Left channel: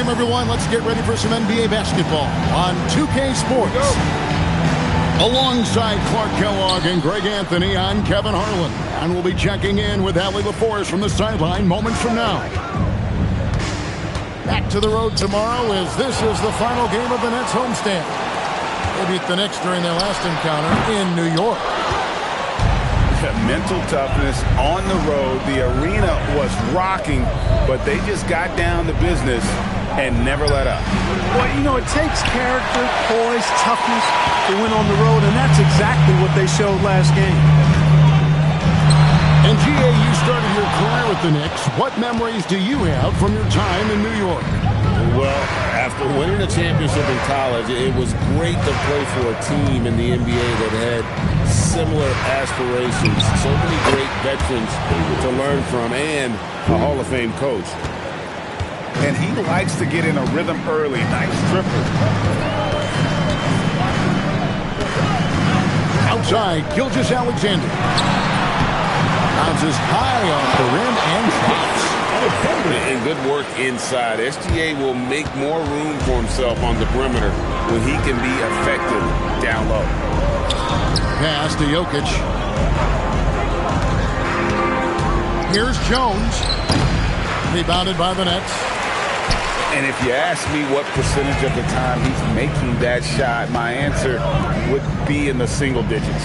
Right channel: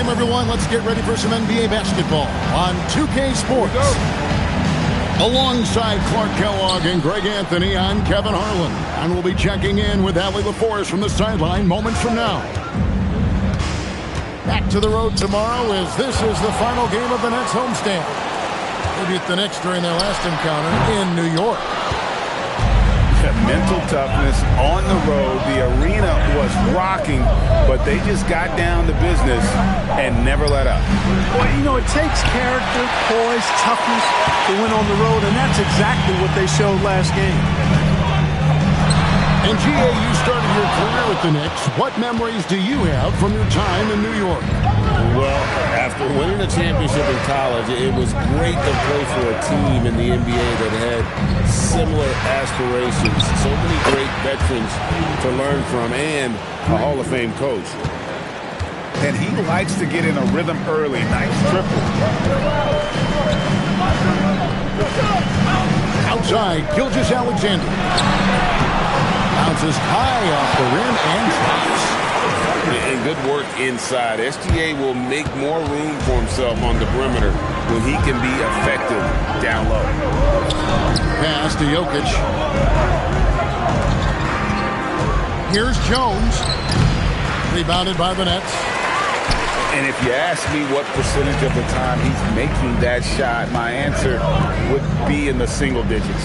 Welcome, everyone. Let's get ready for some NBA basketball on 2K Sports. Alongside Clark Kellogg and Greg Anthony, I'm Kevin Harlan, and we'll be checking in with Allie LaForest from the sideline moments from now. Back to the road tomorrow as this is the final game of the Nets homestand. They beat the Knicks during their last encounter in New York. Mental toughness on the road. The arena was rocking, but they just got down to business and never let up. Well, you know, it takes character, poise, toughness to win on the road, and that's exactly what they showed last game. And G.A., you started your career with the Knicks. What memories do you have from your time in New York? Well, after winning a championship in college, it was great to play for a team in the NBA that had similar aspirations. So many great veterans to learn from and a Hall of Fame coach. And he likes to get in a rhythm early. Nice triple. Outside, Gilgeous-Alexander. Bounces high off the rim and drops. And good work inside. SGA will make more room for himself on the perimeter when he can be effective down low. Pass to Jokic. Here's Jones. Rebounded by the Nets. And if you ask me what percentage of the time he's making that shot, my answer would be in the single digits.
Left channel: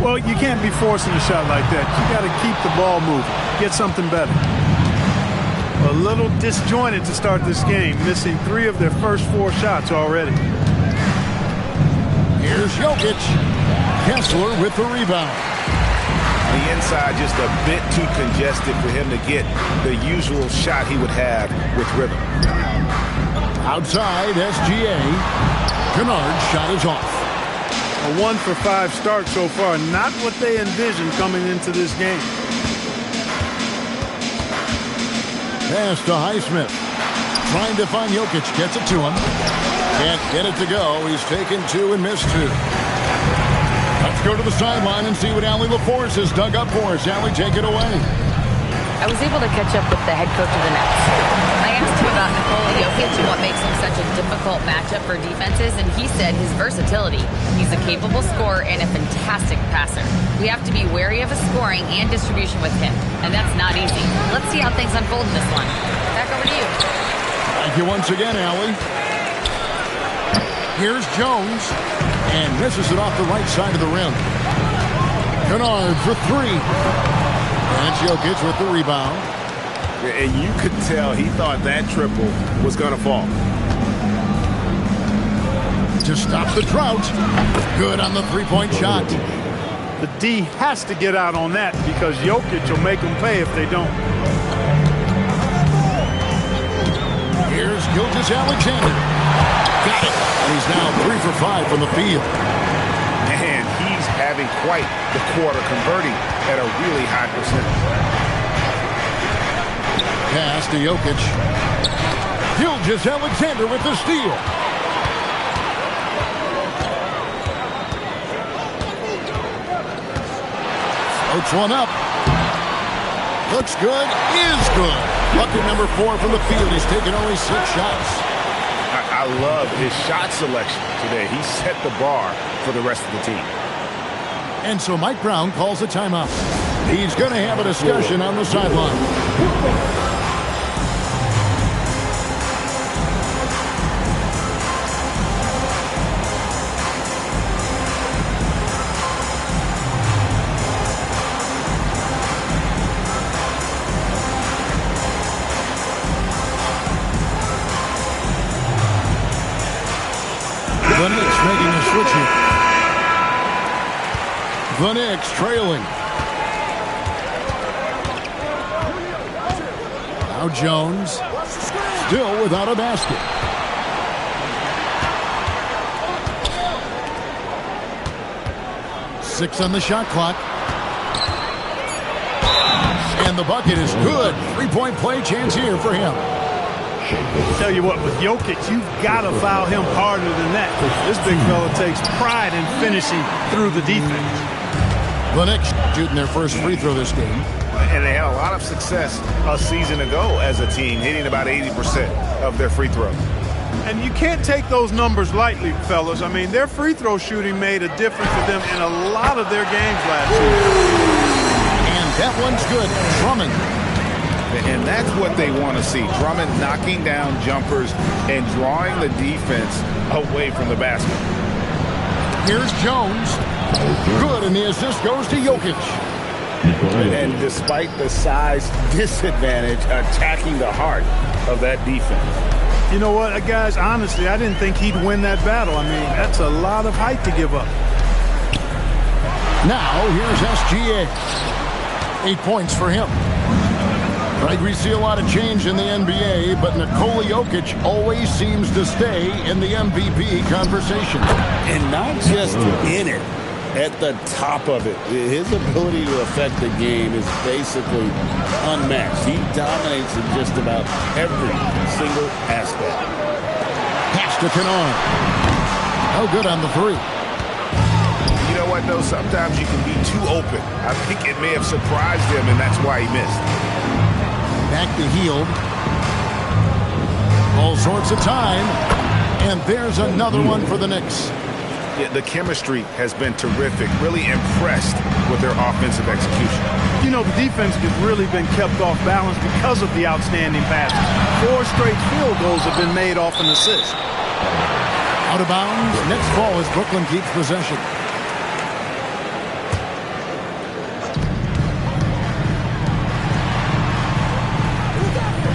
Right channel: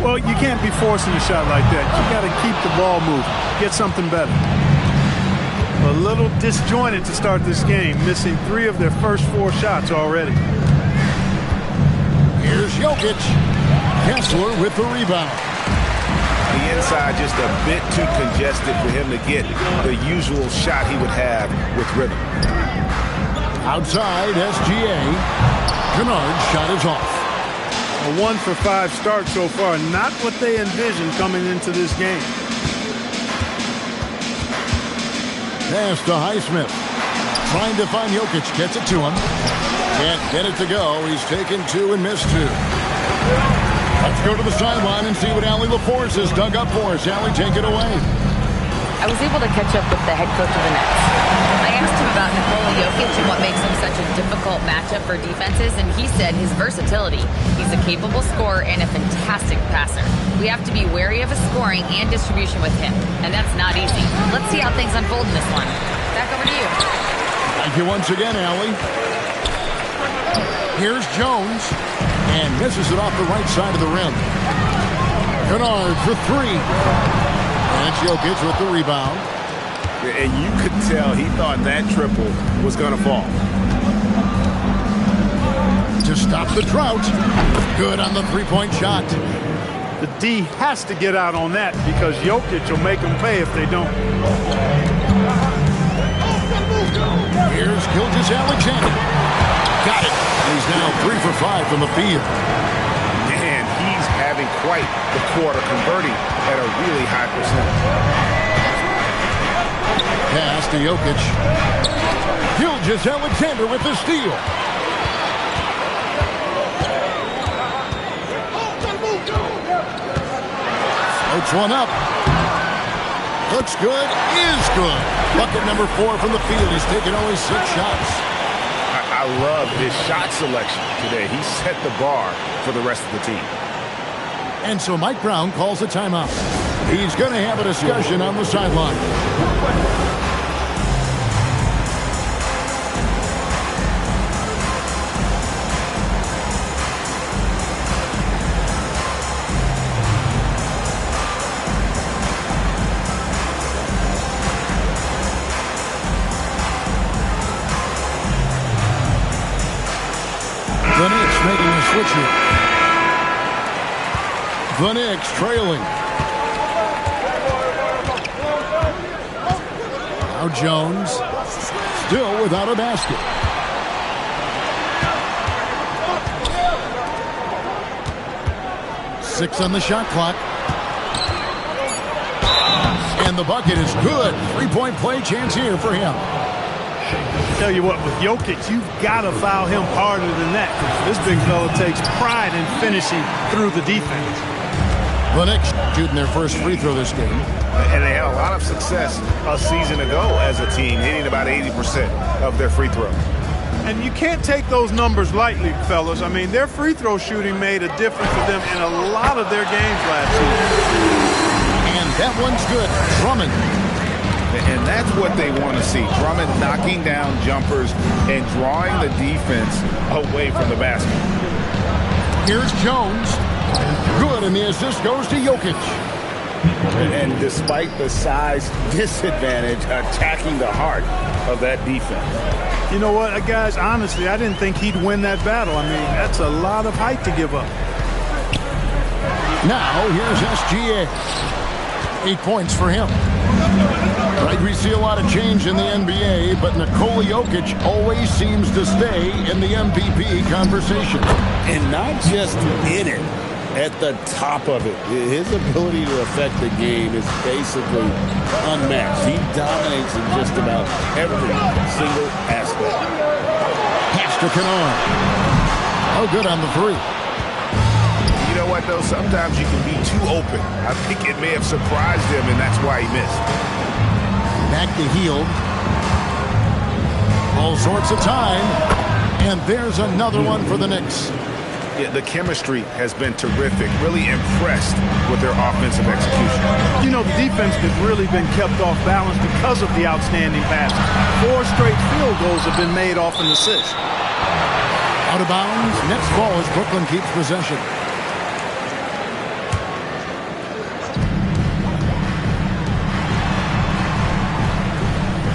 Well, you can't be forcing a shot like that. You got to keep the ball moving. Get something better. A little disjointed to start this game, missing 3 of their first 4 shots already. Here's Jokic. Kessler with the rebound. The inside just a bit too congested for him to get the usual shot he would have with rhythm. Outside, SGA. Kennard's shot is off. A 1 for 5 start so far. Not what they envisioned coming into this game. Pass to Highsmith. Trying to find Jokic. Gets it to him. Can't get it to go. He's taken 2 and missed 2. Let's go to the sideline and see what Allie LaForce has dug up for us. Allie, take it away. I was able to catch up with the head coach of the Nets. I asked him about Nikola Jokic and what makes him such a difficult matchup for defenses, and he said his versatility. He's a capable scorer and a fantastic passer. We have to be wary of his scoring and distribution with him, and that's not easy. Let's see how things unfold in this one. Back over to you. Thank you once again, Allie. Here's Jones, and misses it off the right side of the rim. Kennard for three. And it's Jokic with the rebound. And you could tell he thought that triple was going to fall. To stop the drought. Good on the three-point shot. The D has to get out on that because Jokic will make them pay if they don't. Here's Gilgeous-Alexander. Got it. And he's now 3 for 5 from the field. Man, he's having quite the quarter, converting at a really high percentage. Pass to Jokic. Gilgeous-Alexander with the steal. Floats one up. Looks good. Is good. Bucket number 4 from the field. He's taken only 6 shots. I love his shot selection today. He set the bar for the rest of the team. And so Mike Brown calls a timeout. He's going to have a discussion on the sideline. The Knicks making a switch here. The Knicks trailing. Now Jones, still without a basket. Six on the shot clock. And the bucket is good. Three-point play chance here for him. Tell you what, with Jokic, you've got to foul him harder than that because this big fella takes pride in finishing through the defense. The Knicks shooting their first free throw this game. And they had a lot of success a season ago as a team, hitting about 80% of their free throws. And you can't take those numbers lightly, fellas. I mean, their free throw shooting made a difference for them in a lot of their games last season. And that one's good. Drummond. And that's what they want to see. Drummond knocking down jumpers and drawing the defense away from the basket. Here's Jones. Good, and the assist goes to Jokic. And despite the size disadvantage, attacking the heart of that defense. You know what, guys, honestly, I didn't think he'd win that battle. I mean, that's a lot of height to give up. Now, here's SGA. 8 points for him. Right, we see a lot of change in the NBA, but Nikola Jokic always seems to stay in the MVP conversation. And not just in it, at the top of it. His ability to affect the game is basically unmatched. He dominates in just about every single aspect. Pass to Kennard. Oh, good on the three. You know what, though? Sometimes you can be too open. I think it may have surprised him, and that's why he missed. Back to Hield. All sorts of time. And there's another one for the Knicks. Yeah, the chemistry has been terrific. Really impressed with their offensive execution. You know, the defense has really been kept off balance because of the outstanding passes. 4 straight field goals have been made off an assist. Out of bounds. Next ball as Brooklyn keeps possession.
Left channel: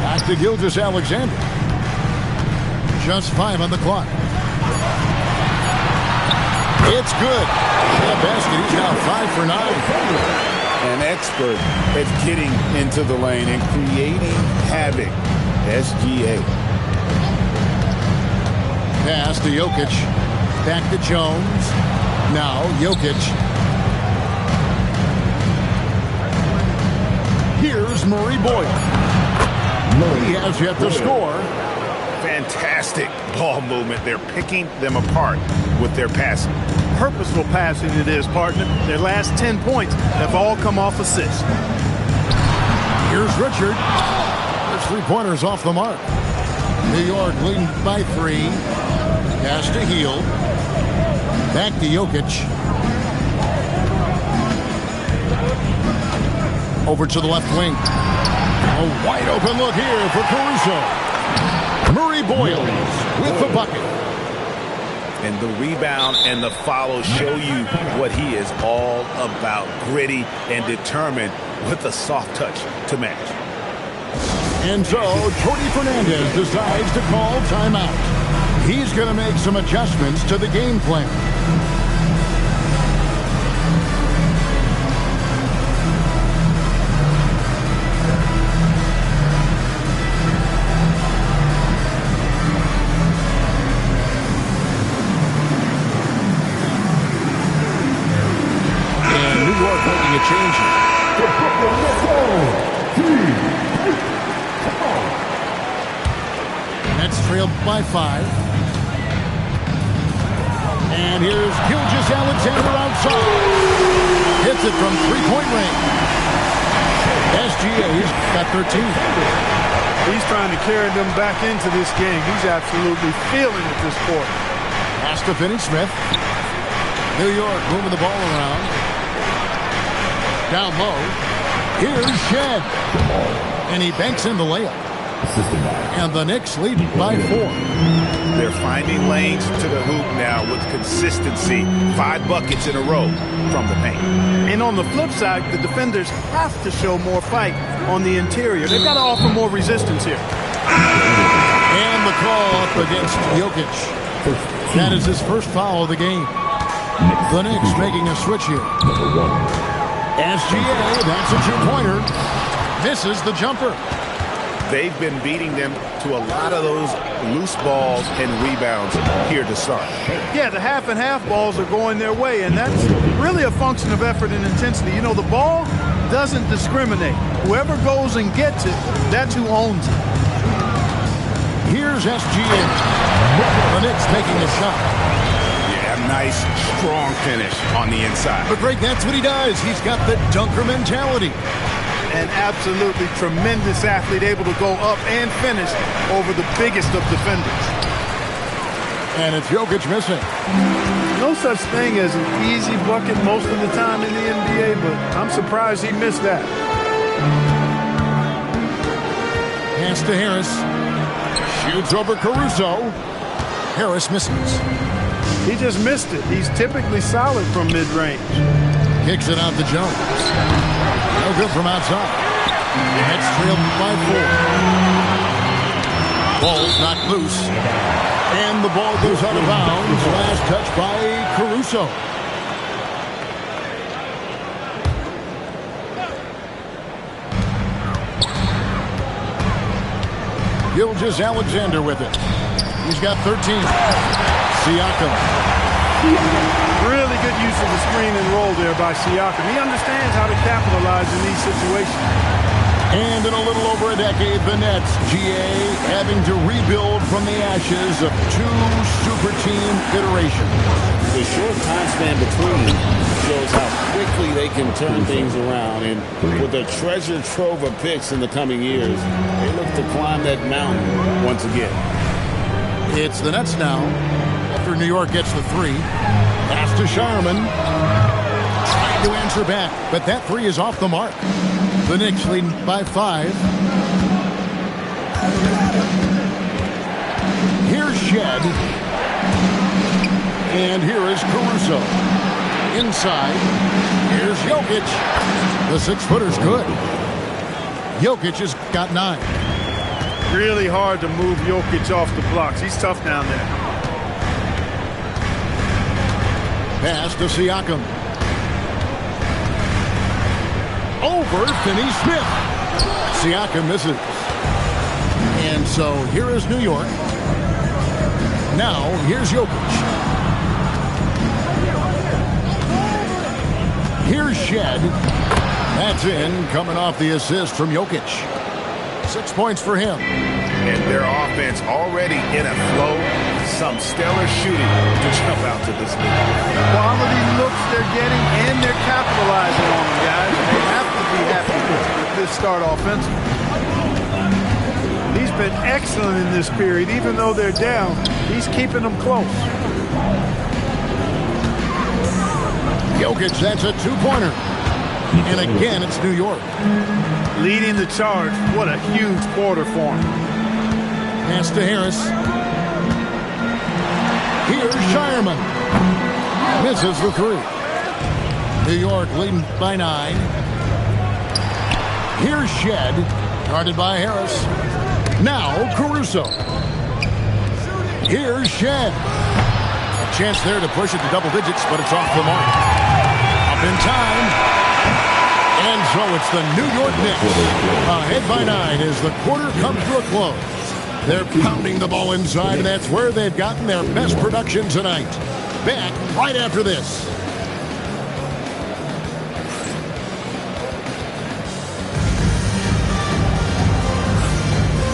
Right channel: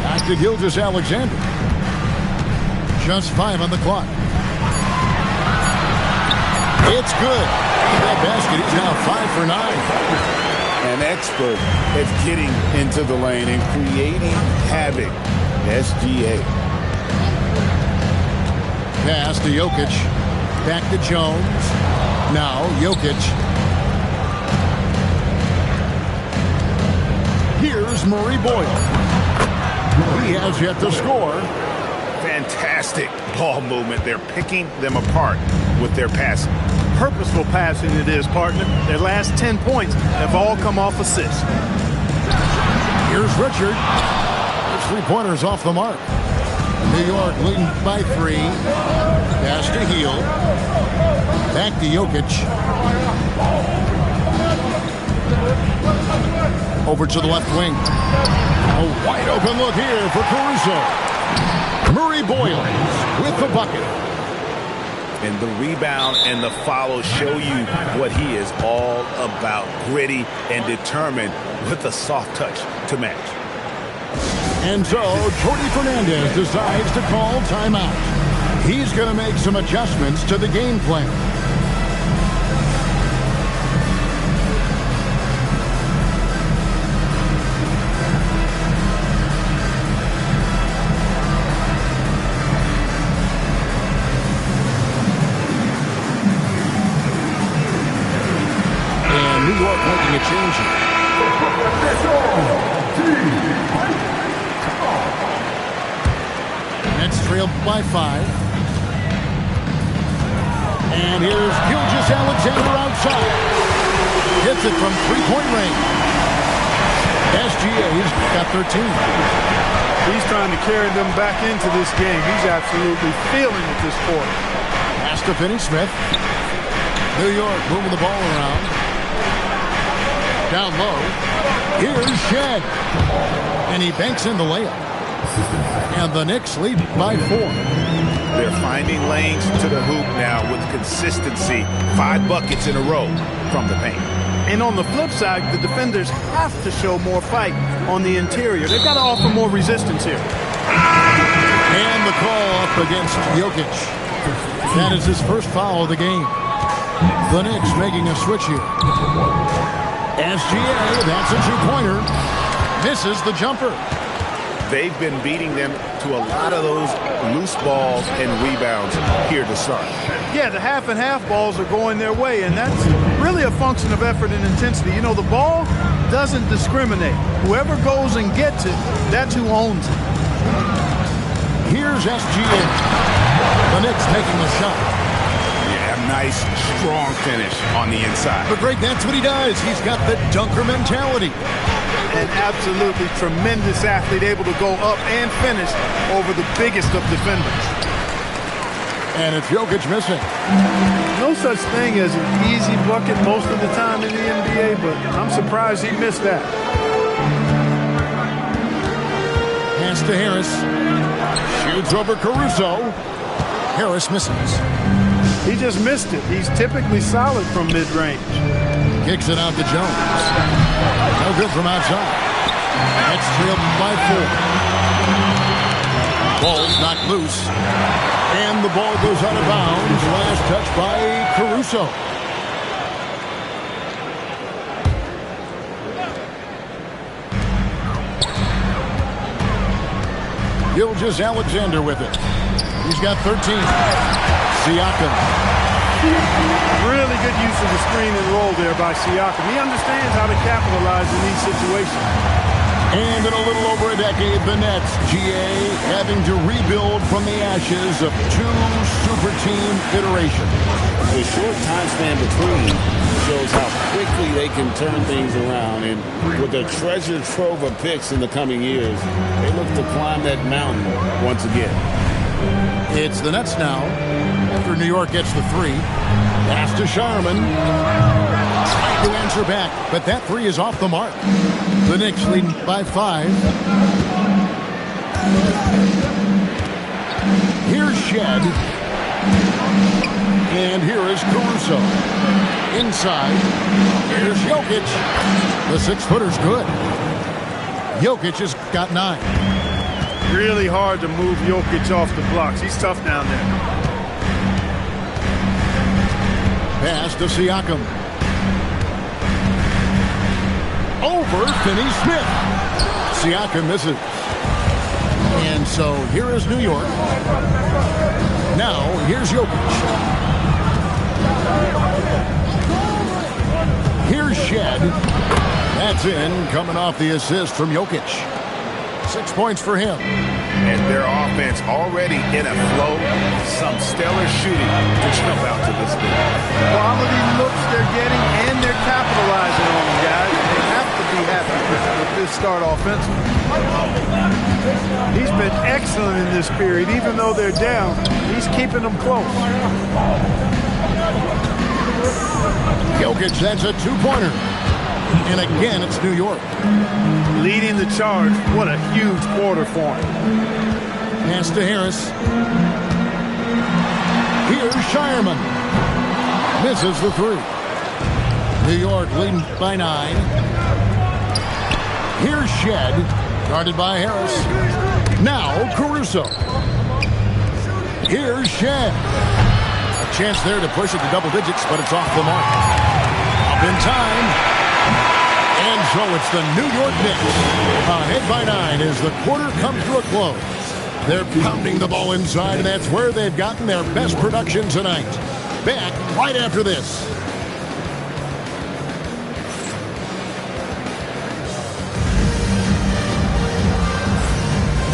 Back to Gilgeous-Alexander. Just 5 on the clock. It's good. That basket, he's now 5 for 9. An expert at getting into the lane and creating havoc. SGA. Pass to Jokic. Back to Jones. Now Jokic. Here's Murray Boyle. He has yet to score. Fantastic ball movement. They're picking them apart with their passing. Purposeful passing it is, partner. Their last 10 points have all come off assists. Here's Richard. There's 3-pointers off the mark. New York leading by 3. Pass to Heel. Back to Jokic. Over to the left wing. A wide open look here for Caruso. Murray Boyles with the bucket. And the rebound and the follow show you what he is all about. Gritty and determined with a soft touch to match. And so, Jordi Fernandez decides to call timeout. He's going to make some adjustments to the game plan. And New York making a change here. Nets trailed by 5. And here's Gilgeous-Alexander outside. Hits it from 3-point range. SGA's got 13. He's trying to carry them back into this game. He's absolutely feeling it this quarter. Pass to Finney-Smith. New York moving the ball around. Down low. Here's Shed. And he banks in the layup. And the Knicks lead by 4. They're finding lanes to the hoop now with consistency. 5 buckets in a row from the paint. And on the flip side, the defenders have to show more fight on the interior. They've got to offer more resistance here. And the call up against Jokic. That is his first foul of the game. The Knicks making a switch here. SGA, that's a 2-pointer. Misses the jumper. They've been beating them to a lot of those loose balls and rebounds here to start. Yeah, the half and half balls are going their way, and that's really a function of effort and intensity. You know, the ball doesn't discriminate. Whoever goes and gets it, that's who owns it. Here's SGA. The Knicks making the shot. Yeah, nice, strong finish on the inside. But Greg, that's what he does. He's got the dunker mentality. An absolutely tremendous athlete, able to go up and finish over the biggest of defenders. And it's Jokic missing. No such thing as an easy bucket most of the time in the NBA, but I'm surprised he missed that. Pass to Harris. Shoots over Caruso. Harris misses. He just missed it. He's typically solid from mid-range. Kicks it out to Jones. No good from outside. Nets trailed by 4. Ball's knocked loose. And the ball goes out of bounds. Last touch by Caruso. Gilgeous-Alexander with it. He's got 13. Siakam. Really good use of the screen and roll there by Siakam. He understands how to capitalize in these situations. And in a little over a decade, the Nets, GA, having to rebuild from the ashes of 2 super team iterations. The short time span between shows how quickly they can turn things around. And with a treasure trove of picks in the coming years, they look to climb that mountain once again. It's the Nets now. After New York gets the 3. Pass to Sharman. Trying to answer back, but that 3 is off the mark. The Knicks leading by 5. Here's Shed. And here is Caruso. Inside. Here's Jokic. The 6-footer's good. Jokic has got 9. Really hard to move Jokic off the blocks. He's tough down there. Pass to Siakam. Over Finney-Smith. Siakam misses. And so here is New York. Now here's Jokic. Here's Shed. That's in, coming off the assist from Jokic. 6 points for him. and their offense already in a flow. Some stellar shooting to jump out to this lead. Quality looks they're getting, and they're capitalizing on them, guys. They have to be happy with this start offensively. He's been excellent in this period. Even though they're down, he's keeping them close. Jokic, that's a two-pointer. And again, it's New York. Leading the charge. What a huge quarter for him. Pass to Harris. Here's Shireman. Misses the three. New York leading by 9. Here's Shed. Guarded by Harris. Now Caruso. Here's Shed. A chance there to push it to double digits, but it's off the mark. Up in time. And so it's the New York Knicks ahead by 9 as the quarter comes to a close. They're pounding the ball inside, and that's where they've gotten their best production tonight. Back right after this.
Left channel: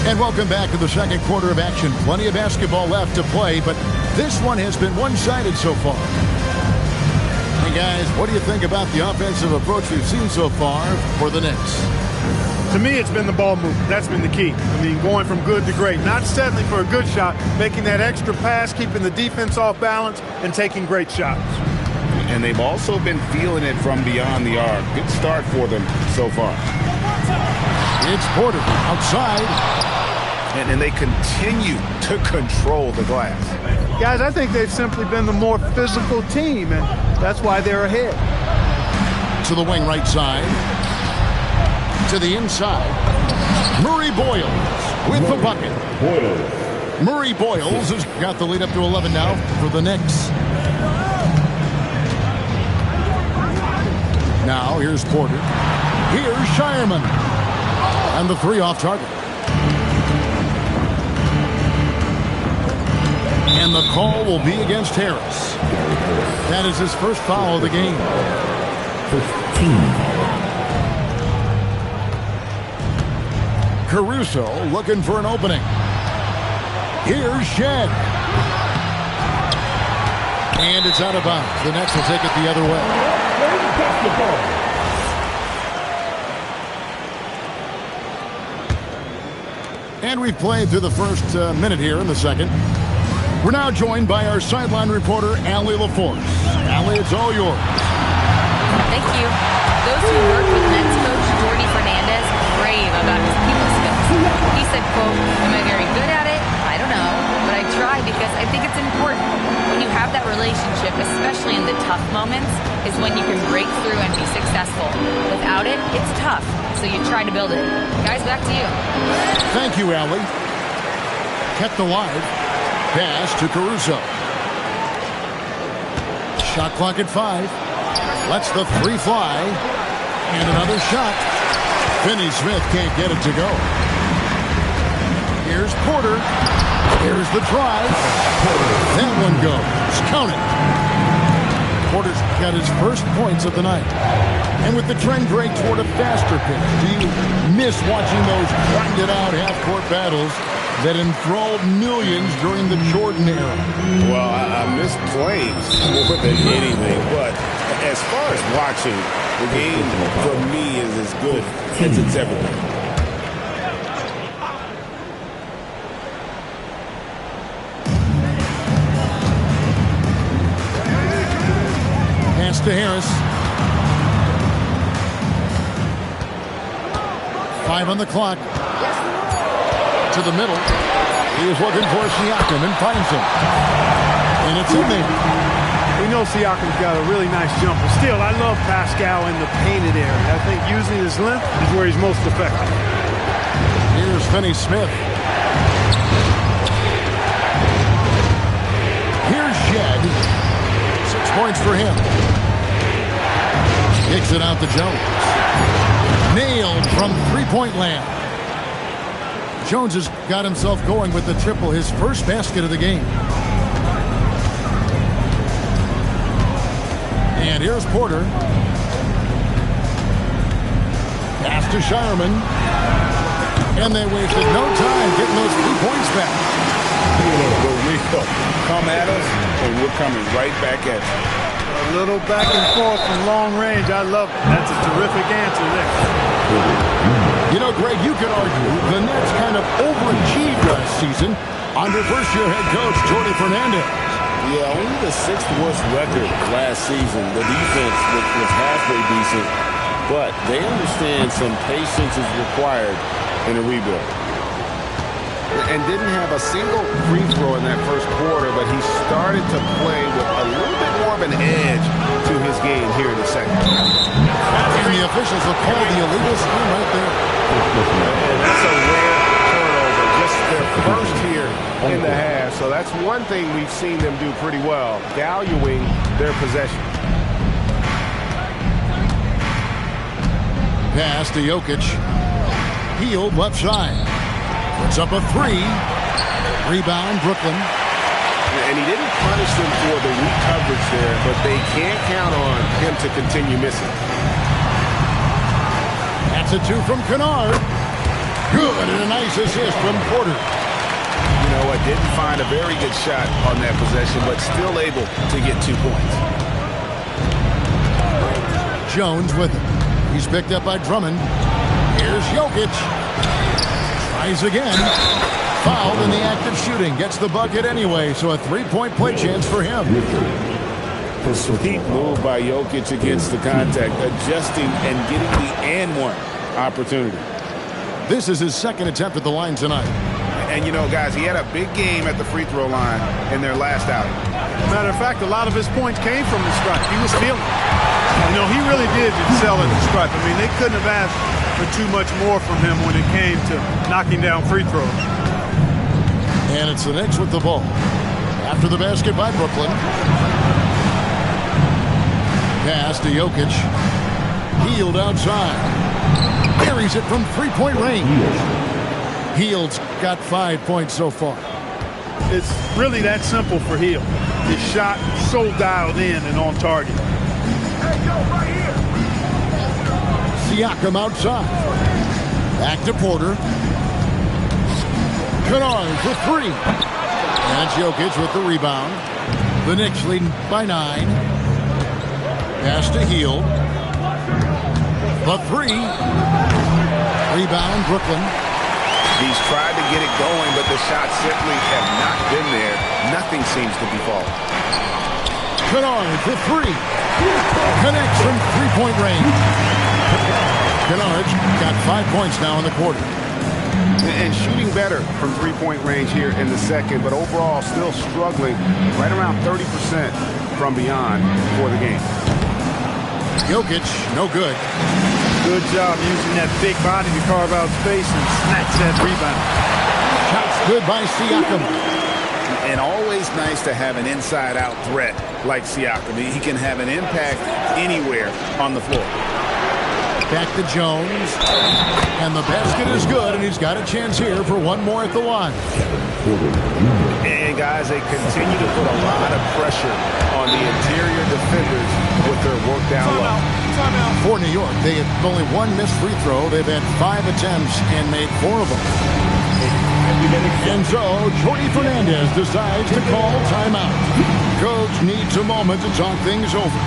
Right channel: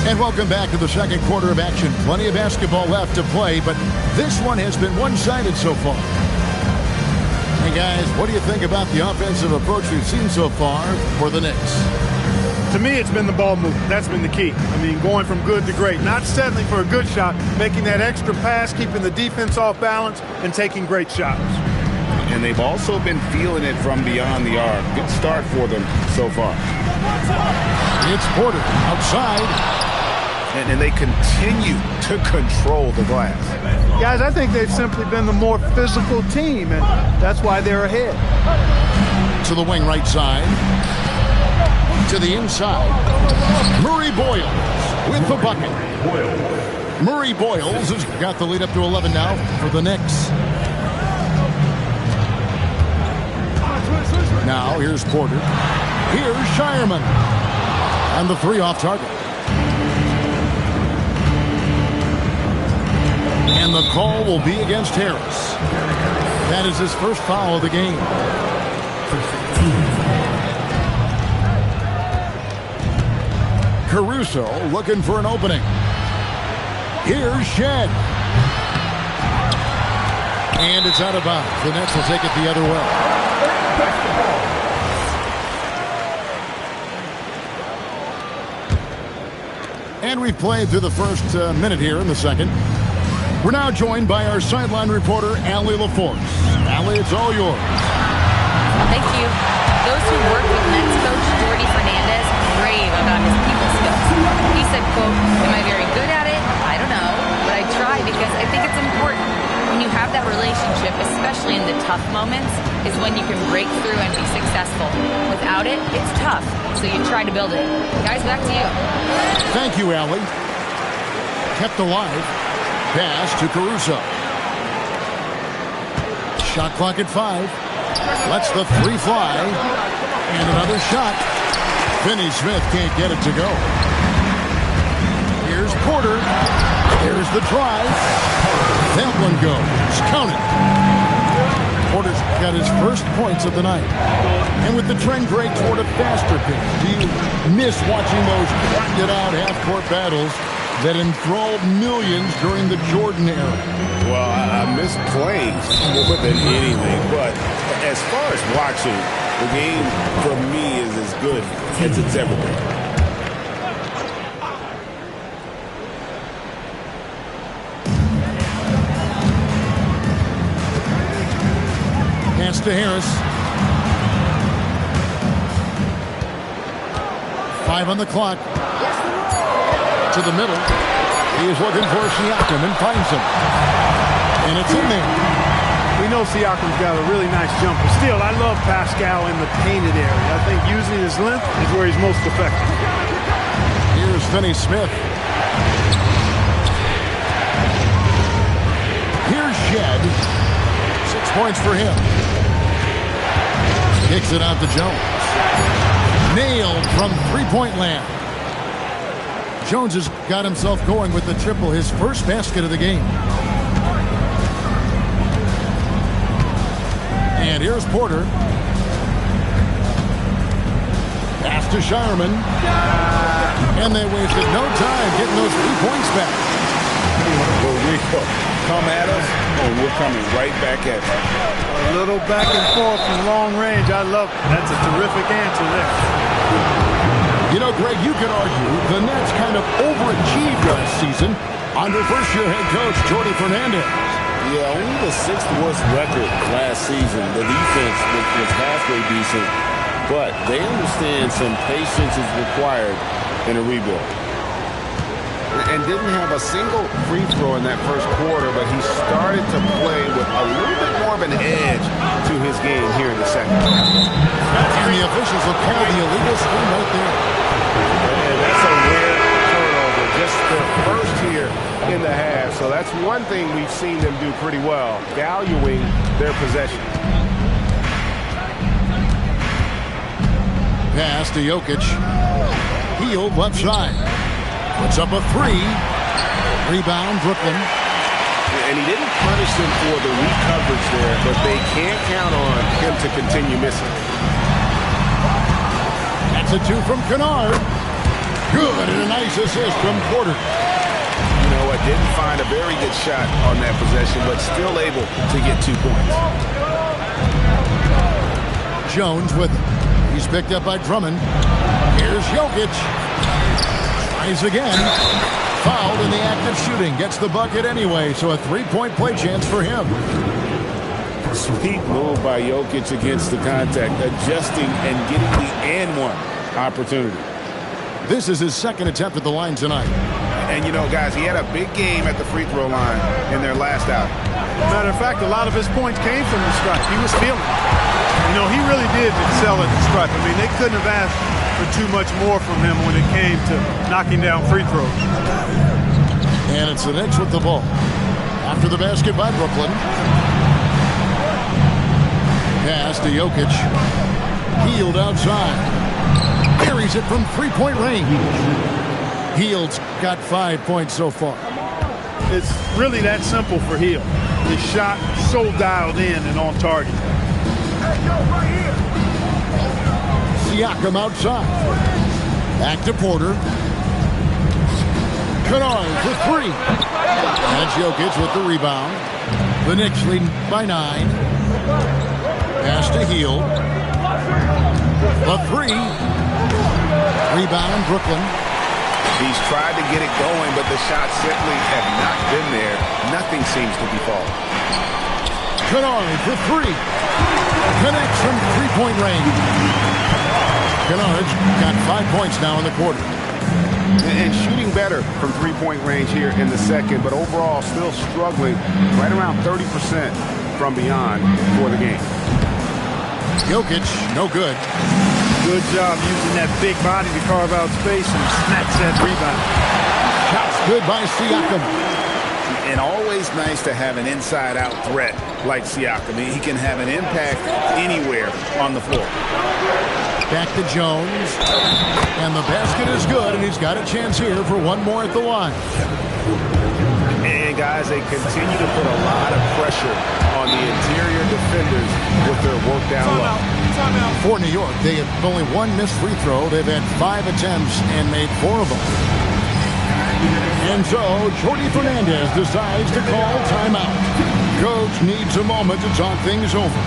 And welcome back to the second quarter of action. Plenty of basketball left to play, but this one has been one-sided so far. Hey guys, what do you think about the offensive approach we've seen so far for the Knicks? To me, it's been the ball movement. That's been the key. I mean, going from good to great. Not settling for a good shot, making that extra pass, keeping the defense off balance, and taking great shots. And they've also been feeling it from beyond the arc. Good start for them so far. It's Porter outside. And they continue to control the glass. Guys, I think they've simply been the more physical team, and that's why they're ahead. To the wing right side. To the inside. Murray Boyles with the bucket. Murray Boyles has got the lead up to 11 now for the Knicks. Now here's Porter. Here's Shireman. And the three off target. And the call will be against Harris. That is his first foul of the game. 15. Caruso looking for an opening. Here's Shed. And it's out of bounds. The Nets will take it the other way. And we've played through the first minute here in the second. We're now joined by our sideline reporter, Allie LaForce. Allie, it's all yours. Thank you. Those who worked with Nets coach Jordi Fernandez rave about his people skills. He said, quote, "Am I very good at it? I don't know, but I try because I think it's important. When you have that relationship, especially in the tough moments, is when you can break through and be successful. Without it, it's tough, so you try to build it." Guys, back to you. Thank you, Allie. Kept alive. Pass to Caruso. Shot clock at 5. Lets the three fly. And another shot. Finney Smith can't get it to go. Here's Porter. Here's the drive. That one goes. Count it. Porter's got his first points of the night. And with the trend break toward a faster pace, do you miss watching those grinded-out half-court battles that enthralled millions during the Jordan era? Well, I miss playing more than anything, but as far as watching, the game for me is as good as it's ever been. Pass to Harris. 5 on the clock. To the middle. He is looking for Siakam and finds him. And it's in there. We know Siakam's got a really nice jumper. Still, I love Pascal in the painted area. I think using his length is where he's most effective. Here's Finney Smith. Here's Shed. 6 points for him. Kicks it out to Jones. Nailed from three-point land. Jones has got himself going with the triple, his first basket of the game. And here's Porter. Pass to Shireman. And they wasted no time getting those 3 points back. Well, Rico, come at us, and we're coming right back at you. A little back and forth from long range. I love it. That's a terrific answer there. You know, Greg, you could argue the Nets kind of overachieved last season under first-year head coach Jordy Fernandez. Yeah, only the 6th worst record last season. The defense was halfway decent, but they understand some patience is required in a rebuild. And didn't have a single free throw in that first quarter, but he started to play with a little bit more of an edge to his game here in the second. And the officials will call the illegal screen right there. And that's a rare turnover, just their first here in the half. So that's one thing we've seen them do pretty well, valuing their possession. Pass to Jokic. Healed left side. Puts up a 3. Rebound, Brooklyn. And he didn't punish them for the weak coverage there, but they can't count on him to continue missing. That's a 2 from Kennard. Good, and a nice assist from Porter. You know what? Didn't find a very good shot on that possession, but still able to get 2 points. Jones with it. He's picked up by Drummond. Here's Jokic. Tries again. Fouled in the act of shooting. Gets the bucket anyway, so a 3-point play chance for him. Sweet move by Jokic against the contact, adjusting and getting the and one opportunity. This is his 2nd attempt at the line tonight. And, you know, guys, he had a big game at the free throw line in their last outing. Matter of fact, a lot of his points came from the stripe. He was feeling it. You know, he really did excel at the stripe. I mean, they couldn't have asked for too much more from him when it came to knocking down free throws. And it's the Knicks with the ball. After the basket by Brooklyn. Pass to Jokic. Healed outside. Buries it from 3-point range. Hield's got 5 points so far. It's really that simple for Hield. His shot so dialed in and on target. Hey, yo, right here. Siakam outside. Back to Porter. Kennard for 3. And Jokic with the rebound. The Knicks leading by 9. Pass to Hield. The 3. Rebound, Brooklyn. He's tried to get it going, but the shots simply have not been there. Nothing seems to be falling. Kennard for 3. Connects from 3-point range. Kennard's got 5 points now in the quarter. And shooting better from 3-point range here in the second, but overall still struggling right around 30% from beyond for the game. Jokic, no good. Good job using that big body to carve out space and snatch that rebound. Shots good by Siakam. And always nice to have an inside-out threat like Siakam. He can have an impact anywhere on the floor. Back to Jones. And the basket is good, and he's got a chance here for one more at the line. And, guys, they continue to put a lot of pressure on the interior defenders with their work down low. For New York, they have only 1 missed free throw. They've had 5 attempts and made 4 of them. And so, Jordy Fernandez decides to call timeout. Coach needs a moment to talk things over.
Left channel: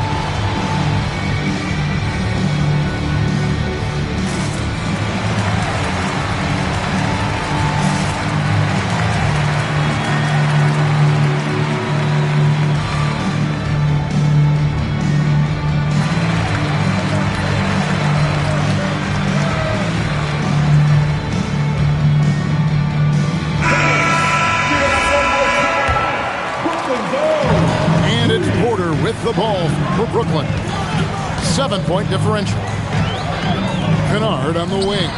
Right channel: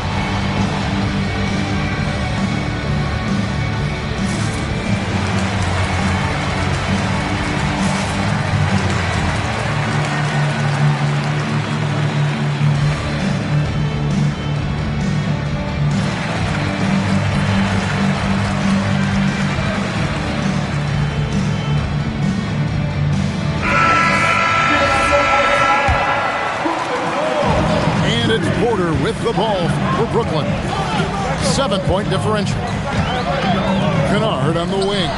Porter with the ball for Brooklyn. 7-point differential. Kennard on the wing.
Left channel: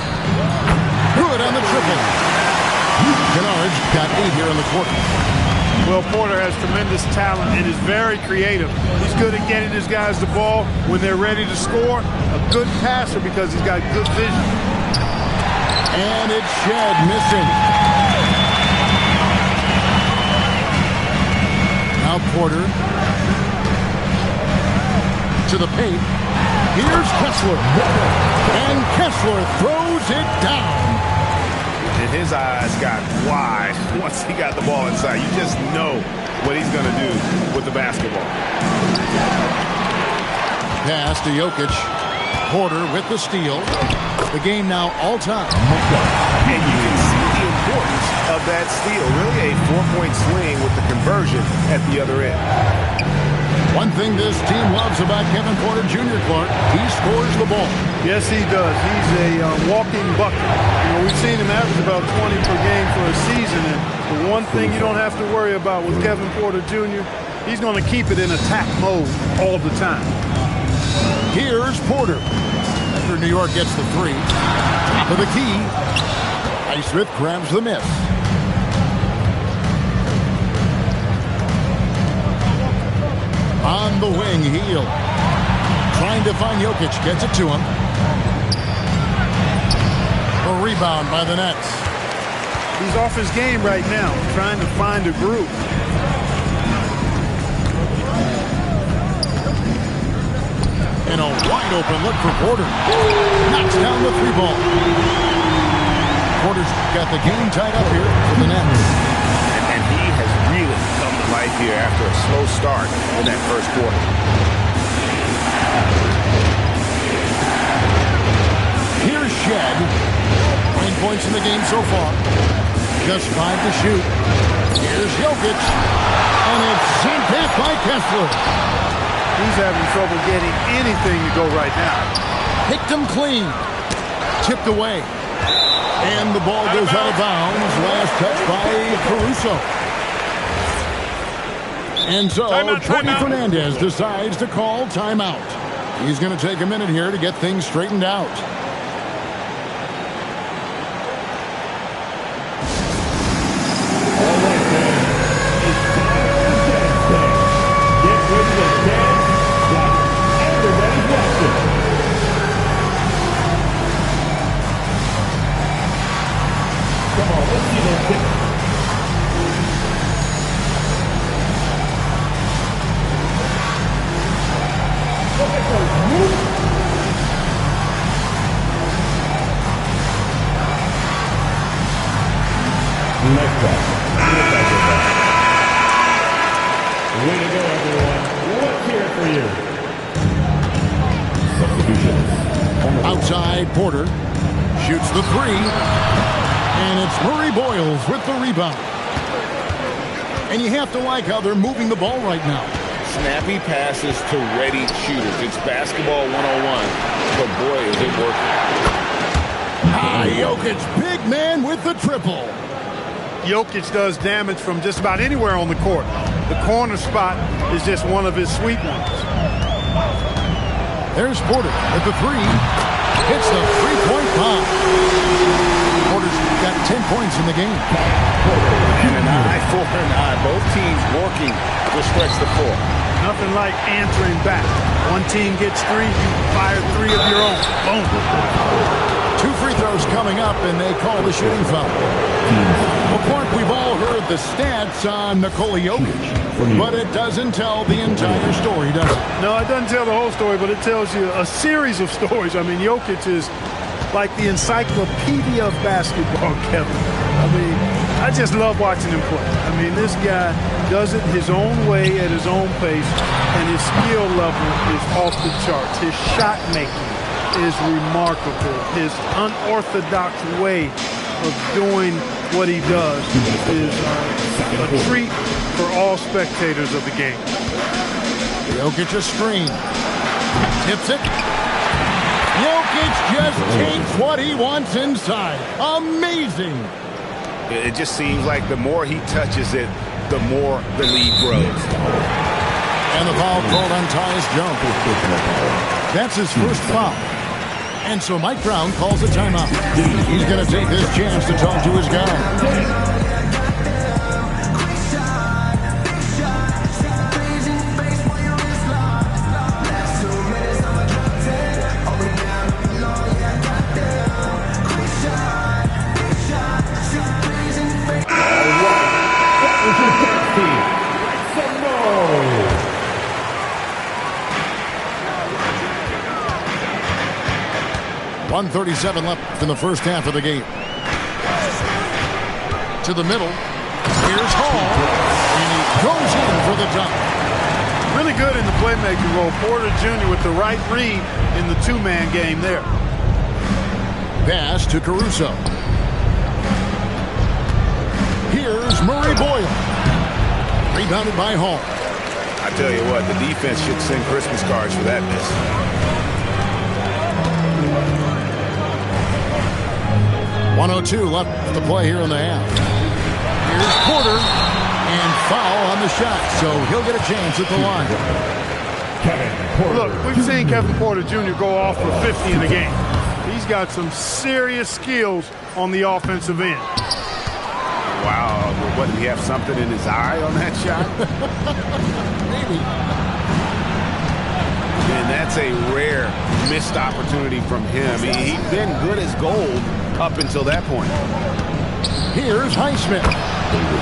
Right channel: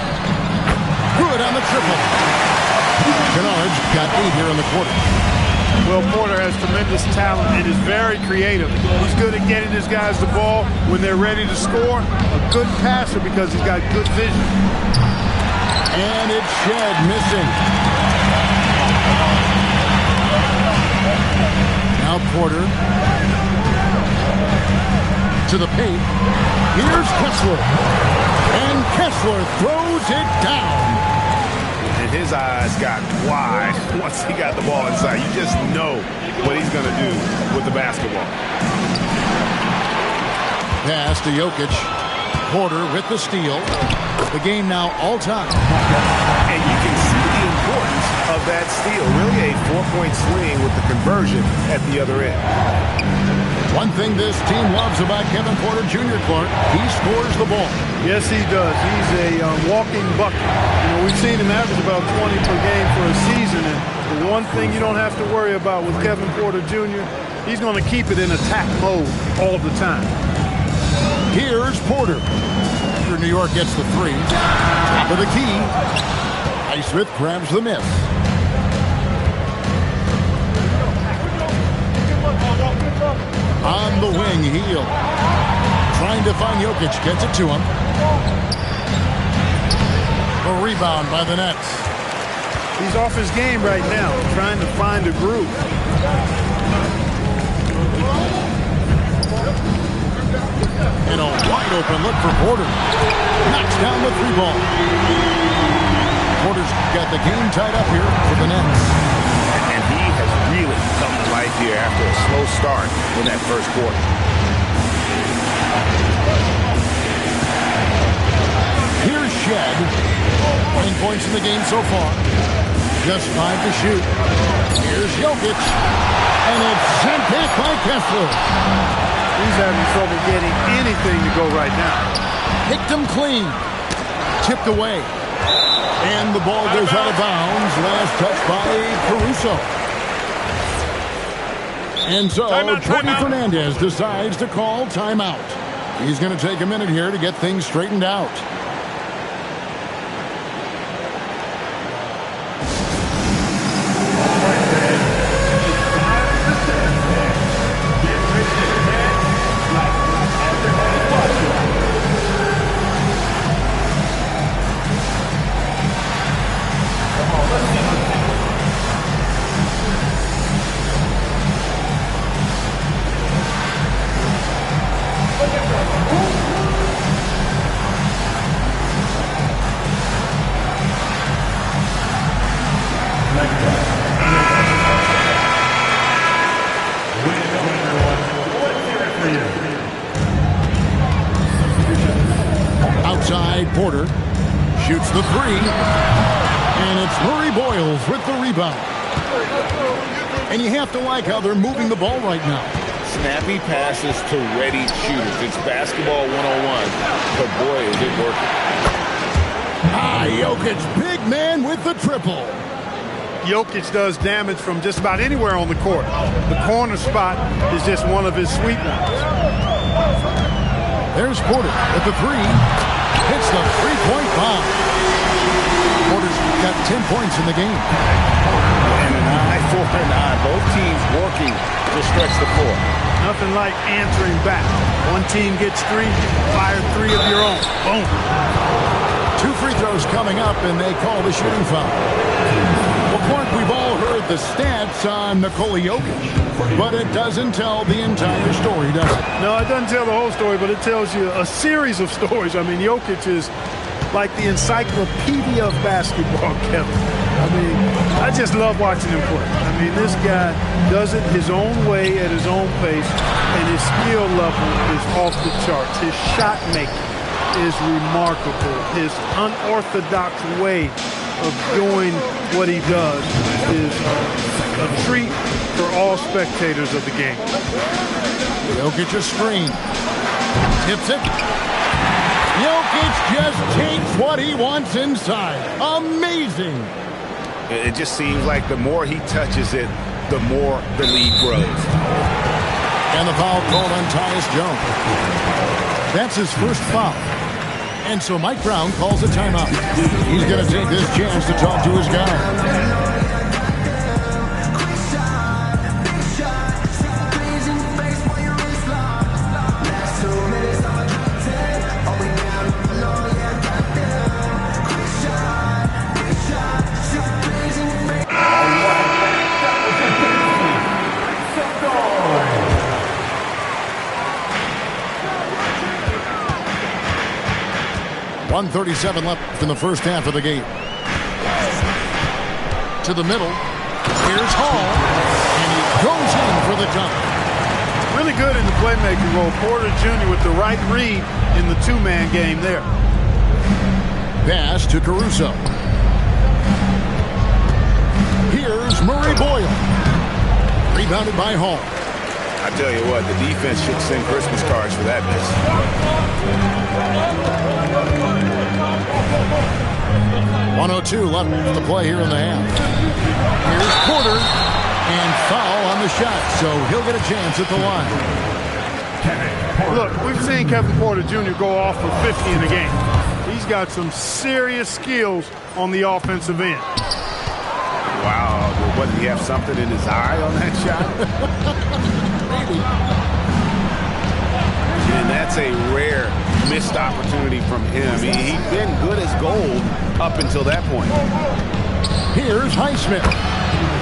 Good on the triple. Kennard's got 8 here in the quarter. Well, Porter has tremendous talent and is very creative. He's good at getting his guys the ball when they're ready to score. A good passer because he's got good vision. And it's Shed missing. Now Porter to the paint. Here's Kessler. And Kessler throws it down. And his eyes got wide once he got the ball inside. You just know what he's going to do with the basketball. Pass to Jokic. Porter with the steal. The game now all time. And you can see the importance of that steal. Really a 4-point swing with the conversion at the other end. One thing this team loves about Kevin Porter Jr., Clark, he scores the ball. Yes, he does. He's a walking bucket. You know, we've seen him average about 20 per game for a season. And the one thing you don't have to worry about with Kevin Porter Jr., he's going to keep it in attack mode all the time. Here's Porter. After New York gets the three. Top of the key. Highsmith grabs the miss. On the wing, Heel. Trying to find Jokic. Gets it to him. A rebound by the Nets. He's off his game right now, trying to find a groove. And a wide open look for Porter. Knocks down the three ball. Porter's got the game tied up here for the Nets. And he has really come to life here after a slow start in that first quarter. Here's Shed. 9 points in the game so far. Just 5 to shoot. Here's Jokic. And it's sent back by Kessler. He's having trouble getting anything to go right now. Picked him clean. Tipped away. And the ball goes out of bounds. Last touch by Caruso. And so Jordan Fernandez decides to call timeout. He's going to take a minute here to get things straightened out. Outside, Porter shoots the three, and it's Murray Boyles with the rebound. And you have to like how they're moving the ball right now. Snappy passes to ready shooters. It's basketball 101, but boy, is it working. Jokic, big man with the triple. Jokic does damage from just about anywhere on the court. The corner spot is just one of his sweet ones. There's Porter with the three. Hits the three-point bomb. Porter's got 10 points in the game. And an eye for an eye. Both teams working to stretch the floor. Nothing like answering back. One team gets three, you fire three of your own. Boom. 2 free throws coming up, and they call the shooting foul. Well, Clark, we've all heard the stats on Nikola Jokic, but it doesn't tell the entire story, does it? No, it doesn't tell the whole story, but it tells you a series of stories. I mean, Jokic is like the encyclopedia of basketball, Kevin. I mean, I just love watching him play. I mean, this guy does it his own way at his own pace, and his skill level is off the charts. His shot making is remarkable. His unorthodox way of doing what he does is a treat for all spectators of the game. Jokic a screen. Tips it. Jokic just takes what he wants inside. Amazing. It just seems like the more he touches it, the more the lead grows. And the foul called on Tyus Jones. That's his first foul. And so Mike Brown calls a timeout. He's going to take this chance to talk to his guy. 1:37 left in the first half of the game. To the middle. Here's Hall. And he goes in for the dunk. Really good in the playmaking role. Porter Jr. with the right read in the two-man game there. Pass to Caruso. Here's Murray Boyle. Rebounded by Hall. I tell you what, the defense should send Christmas cards for that miss. .102 left to play here in the half. Here's Porter. And foul on the shot, so he'll get a chance at the line. Look, we've seen Kevin Porter Jr. go off for 50 in the game. He's got some serious skills on the offensive end. Wow, what, did he have something in his eye on that shot? Maybe. And that's a rare missed opportunity from him. He's been good as gold up until that point. Here's Highsmith.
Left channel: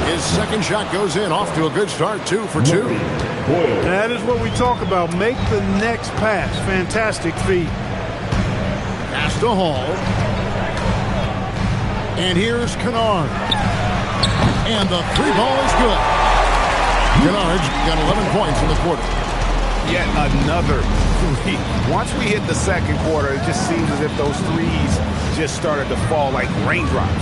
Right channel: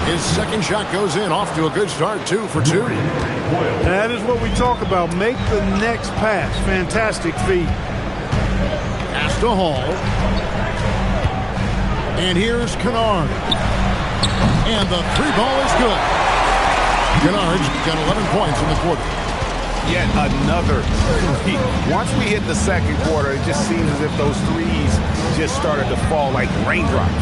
His second shot goes in, off to a good start, 2 for 2. That is what we talk about. Make the next pass. Fantastic feed. Pass to Hall. And here's Kennard. And the three ball is good. Kennard's got 11 points in the quarter. Yet another three. Once we hit the second quarter, it just seems as if those threes just started to fall like raindrops.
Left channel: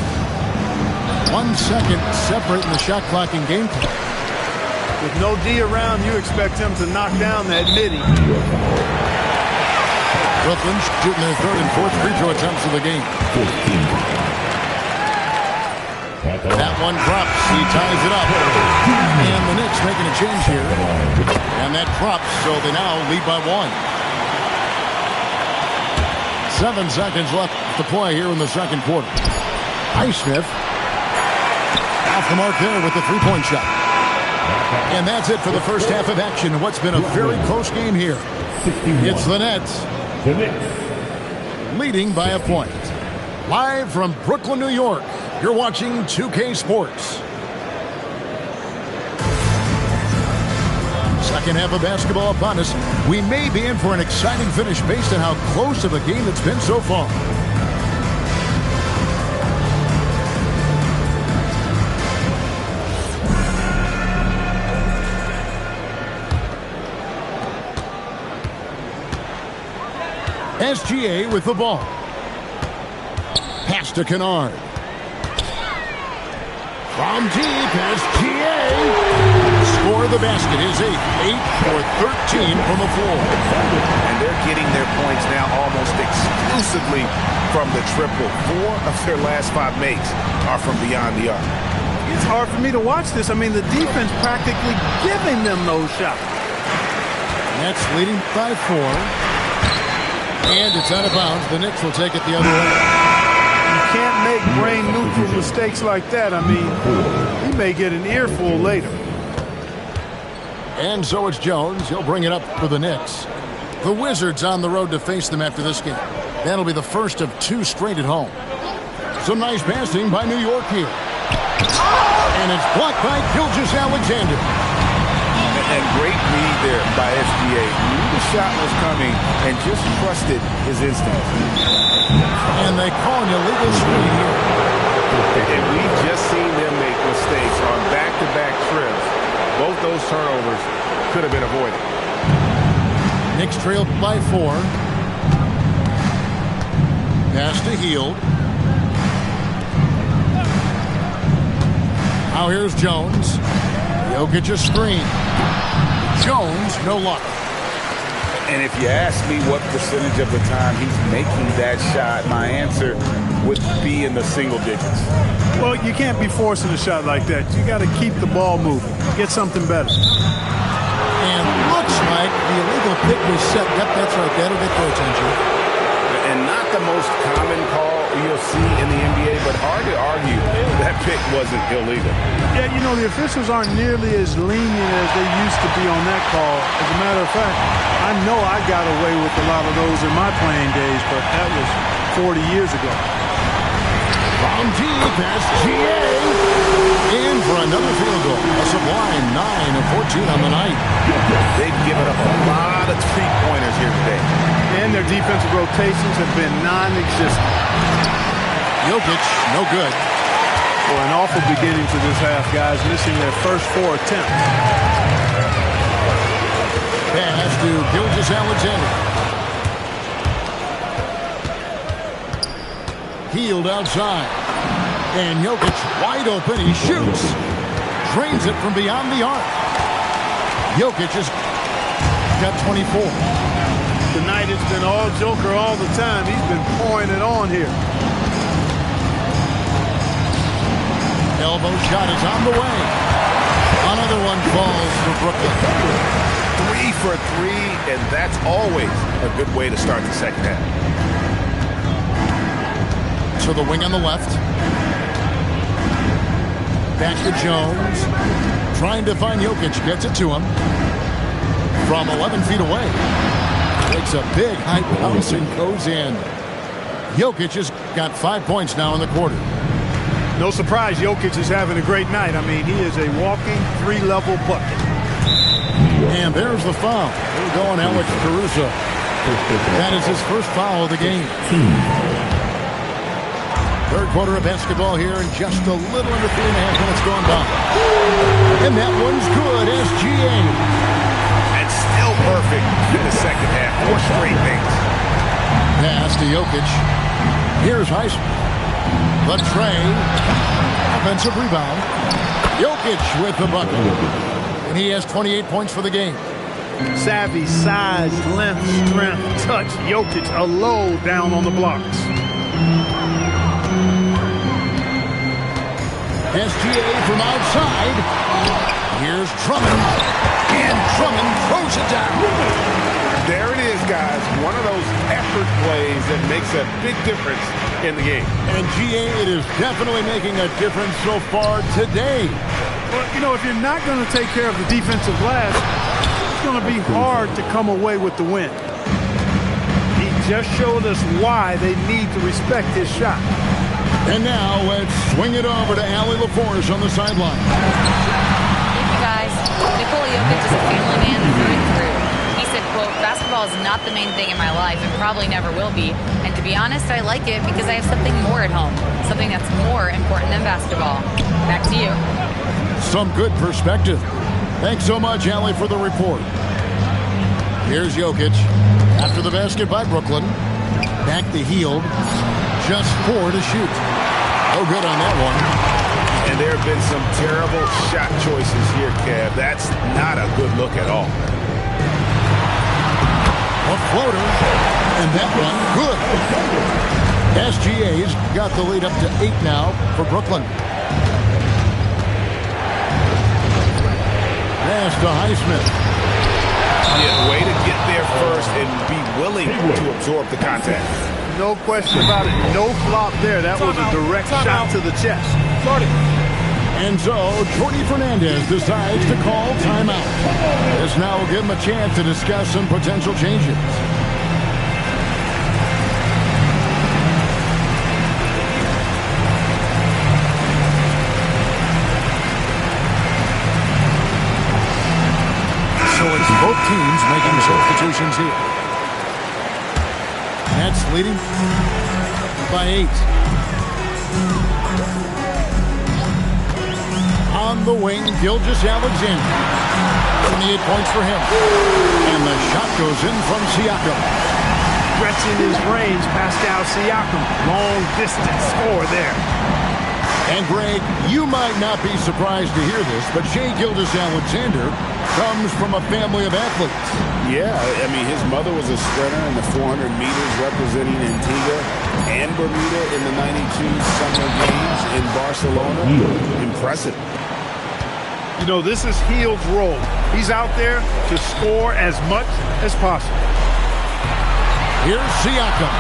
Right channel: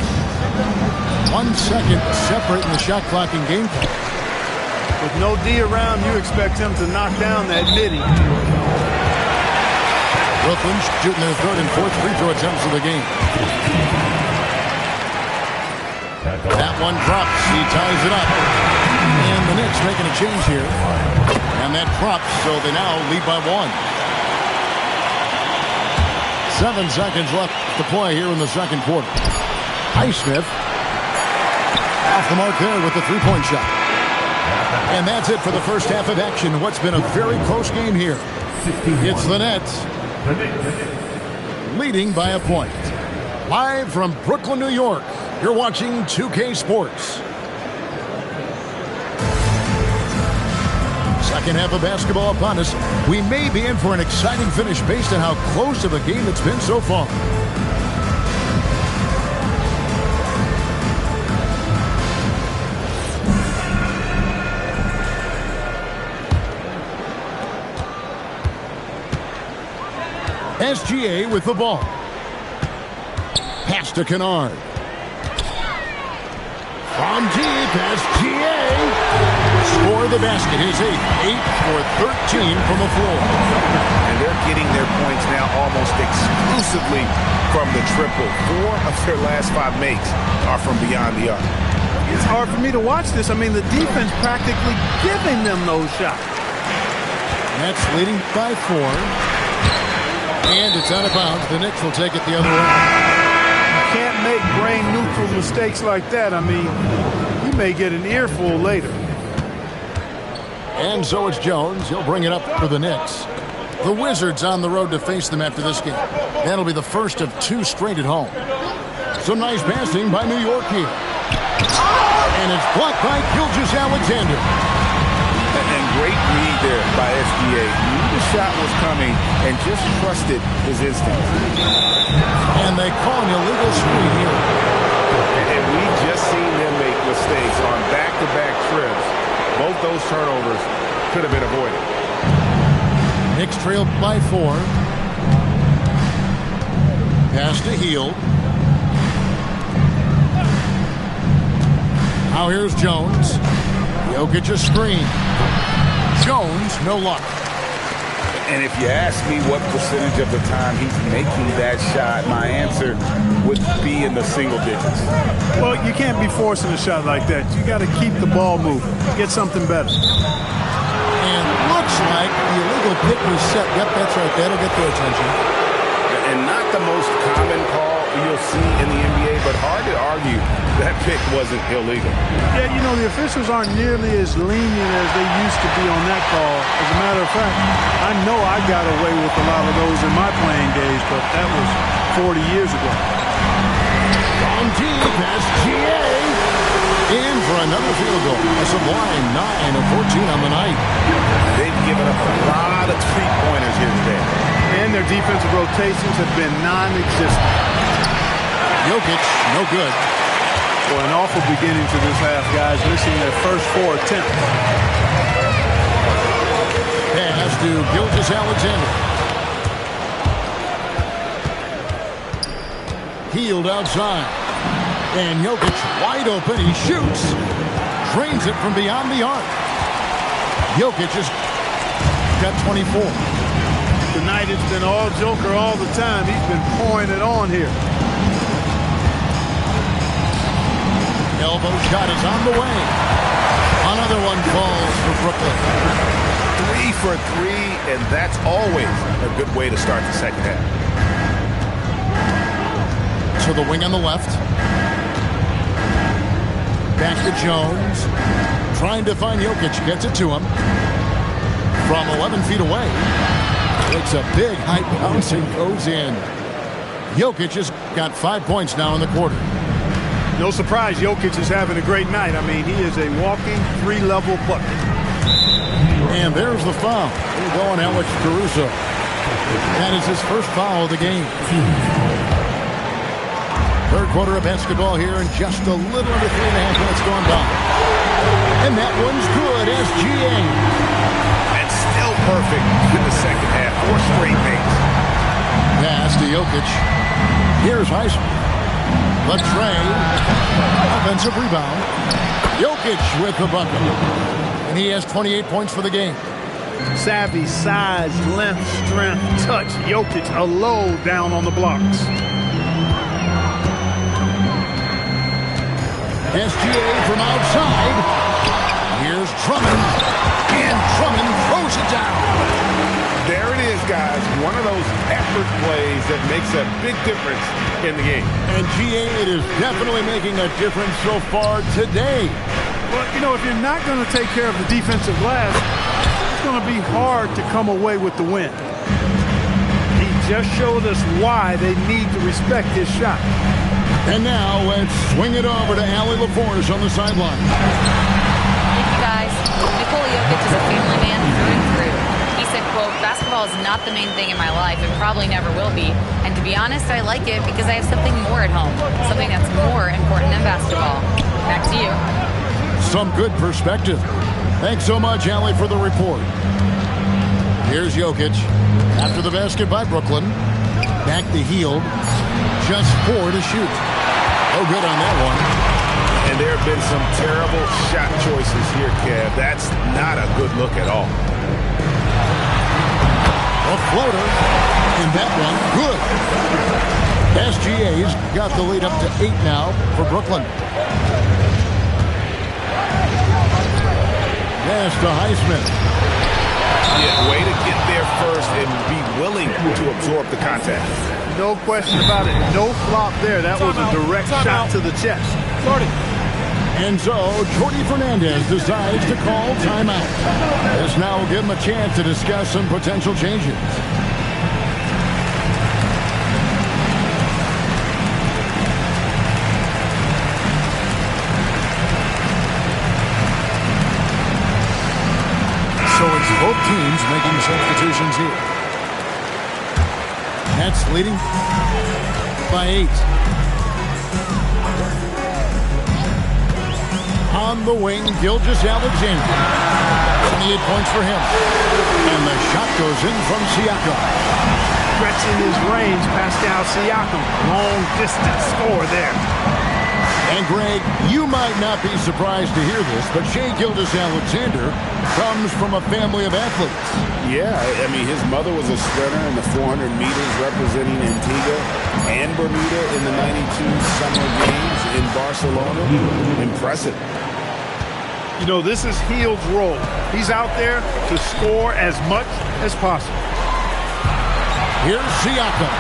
1 second separating the shot clock and game clock. With no D around, you expect him to knock down that midi. Brooklyn shooting their third and fourth free throw attempts of the game. That one drops. He ties it up. And the Knicks making a change here. And that drops, so they now lead by 1. 7 seconds left to play here in the second quarter. Highsmith off the mark there with the three-point shot. And that's it for the first half of action. What's been a very close game here. It's the Nets leading by a point. Live from Brooklyn, New York, you're watching 2K Sports. Second half of basketball upon us. We may be in for an exciting finish based on how close of a game it's been so far. SGA with the ball. Pass to Kennard. From deep, SGA. Score the basket. His 8th. 8 for 13 from the floor. And they're getting their points now almost exclusively from the triple. 4 of their last 5 makes are from beyond the arc. It's hard for me to watch this. I mean, the defense practically giving them those shots. Nets leading by 4. And it's out of bounds. The Knicks will take it the other way. You can't make brain-neutral mistakes like that. I mean, he may get an earful later. And so it's Jones. He'll bring it up for the Knicks. The Wizards on the road to face them after this game. That'll be the first of 2 straight at home. Some nice passing by New York here. And it's blocked by Gilgeous-Alexander. And great read there by SGA. Knew the shot was coming and just trusted his instincts. And they call an illegal screen here. And we've just seen them make mistakes on back-to-back trips. Both those turnovers could have been avoided. Knicks trailed by 4. Pass to Hield. Now here's Jones. Jokic a screen. Jones, no luck. And if you ask me what percentage of the time he's making that shot, my answer would be in the single digits. Well, you can't be forcing a shot like that. You got to keep the ball moving. Get something better. And looks like the illegal pick was set. Yep, that's right. That'll get their attention. And not the most common call you'll see in the NBA, but hard to argue that pick wasn't illegal. Yeah, you know, the officials aren't nearly as lenient as they used to be on that call. As a matter of fact, I know I got away with a lot of those in my playing days, but that was 40 years ago. From deep, SGA. In for another field goal. A sublime 9 of 14 on the night. They've given up a lot of three-pointers here today. And their defensive rotations have been non-existent. Jokic, no good. Well, an awful beginning to this half, guys, missing their first 4 attempts. Pass to Gilgeous-Alexander. Healed outside. And Jokic wide open. He shoots. Drains it from beyond the arc. Jokic has got 24. Tonight it's been all Joker all the time. He's been pouring it on here. Elbow shot is on the way. Another one falls for Brooklyn. 3 for 3, and that's always a good way to start the second half. To the wing on the left. Back to Jones. Trying to find Jokic. Gets it to him. From 11 feet away. Takes a big high bounce and goes in. Jokic has got 5 points now in the quarter. No surprise Jokic is having a great night. I mean, he is a walking 3-level bucket. And there's the foul. We're going Alex Caruso. That is his first foul of the game. Third quarter of basketball here, and just a little under 3.5 minutes gone by. And that one's good, SGA. And still perfect in the second half. 4 straight things. Pass to Jokic. Here's Heisman. The tray. Offensive rebound. Jokic with the bucket. And he has 28 points for the game. Savvy, size, length, strength, touch. Jokic a low down on the blocks. SGA from outside. Here's Drummond. And Drummond throws it down. There it is, guys. One of those effort plays that makes a big difference in the game. And GA, it is definitely making a difference so far today. Well, you know, if you're not going to take care of the defensive glass, it's going to be hard to come away with the win. He just showed us why they need to respect his shot. And now let's swing it over to Allie LaForce on the sideline. Thank you, guys. Nikola Jokic is a family man through and through. He said, quote, "Basketball is not the main thing in my life and probably never will be. And to be honest, I like it because I have something more at home. Something that's more important than basketball." Back to you. Some good perspective. Thanks so much, Allie, for the report. Here's Jokic. After the basket by Brooklyn. Back to Hield. Just 4 to shoot. No good on that one. And there have been some terrible shot choices here, Kev. That's not a good look at all. A floater. And that one, good. SGA's got the lead up to 8 now for Brooklyn. Pass to Highsmith. Yeah, way to get there first and be willing to absorb the contact. No question about it. No flop there. That was a direct shot to the chest. And so, Jordy Fernandez decides to call timeout. This now will give him a chance to discuss some potential changes. So it's both teams making substitutions here. Nets leading by 8. On the wing, Gilgeous-Alexander. 28 points for him. And the shot goes in from Siakam. Stretching his range, Pascal Siakam. Long distance score there. And Greg, you might not be surprised to hear this, but Shai Gilgeous-Alexander comes from a family of athletes. Yeah, I mean, his mother was a sprinter in the 400 meters representing Antigua and Bermuda in the 92 Summer Games in Barcelona. Impressive. You know, this is Hield's role. He's out there to score as much as possible. Here's Siakam.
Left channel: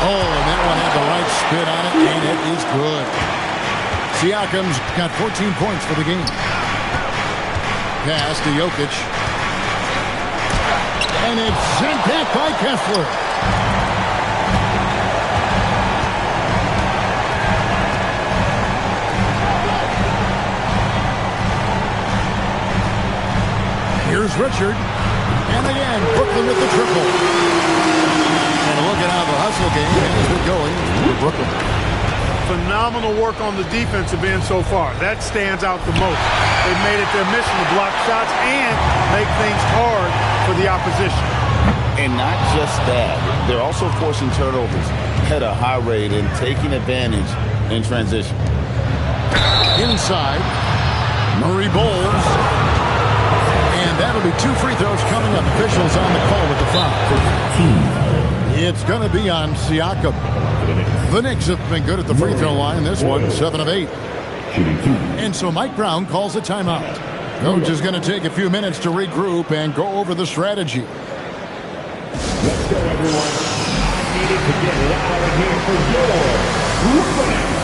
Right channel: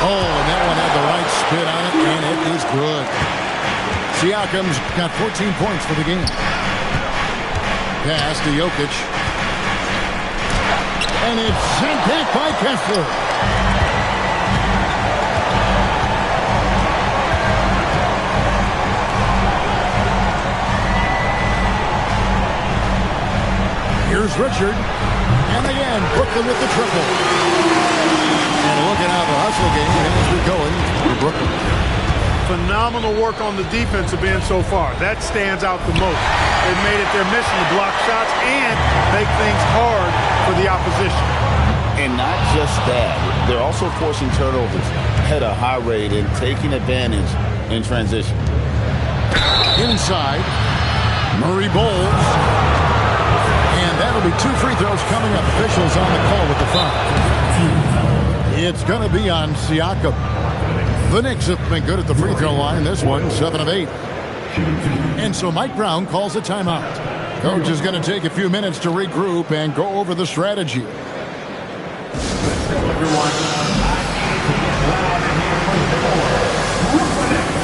Oh, and that one had the right spin on it, and it is good. Siakam's got 14 points for the game. Pass to Jokic. And it's sent back by Kessler. Here's Richard. And again, Brooklyn with the triple. And look at how the hustle game has been going for Brooklyn. Phenomenal work on the defensive end so far. That stands out the most. They've made it their mission to block shots and make things hard for the opposition. And not just that, they're also forcing turnovers at a high rate and taking advantage in transition. Inside, Murray bowls. And that'll be 2 free throws coming up. Officials on the call with the foul. It's going to be on Siakam. The Knicks have been good at the free throw line. This one, 7 of 8. And so Mike Brown calls a timeout. Coach is going to take a few minutes to regroup and go over the strategy. Everyone, I needed to get loud in here for your Brooklyn Nets.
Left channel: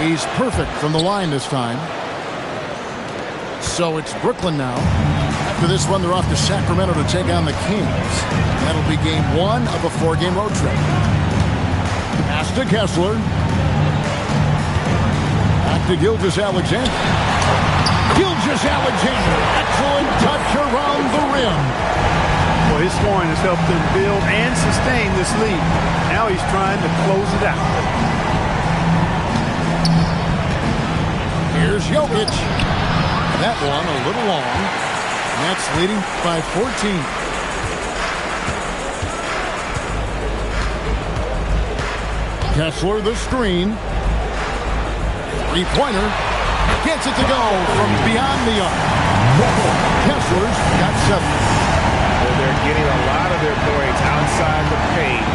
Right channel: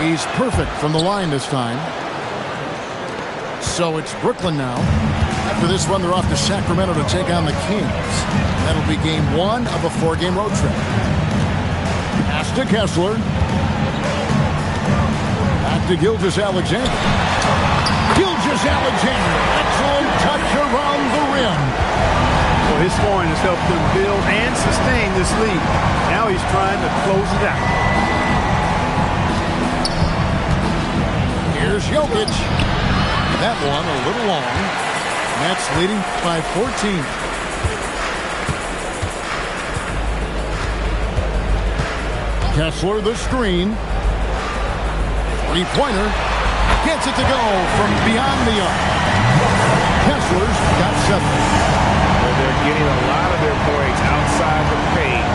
He's perfect from the line this time. So it's Brooklyn now. After this one, they're off to Sacramento to take on the Kings. That'll be game 1 of a 4-game road trip. Pass to Kessler. Back to Gilgeous-Alexander. Gilgeous-Alexander. Excellent touch around the rim. Well, his scoring has helped them build and sustain this lead. Now he's trying to close it out. Here's Jokic. That one a little long. Nets leading by 14. Kessler the screen. 3-pointer. Gets it to go from beyond the arc. Kessler's got 7. They're getting a lot of their points outside the paint.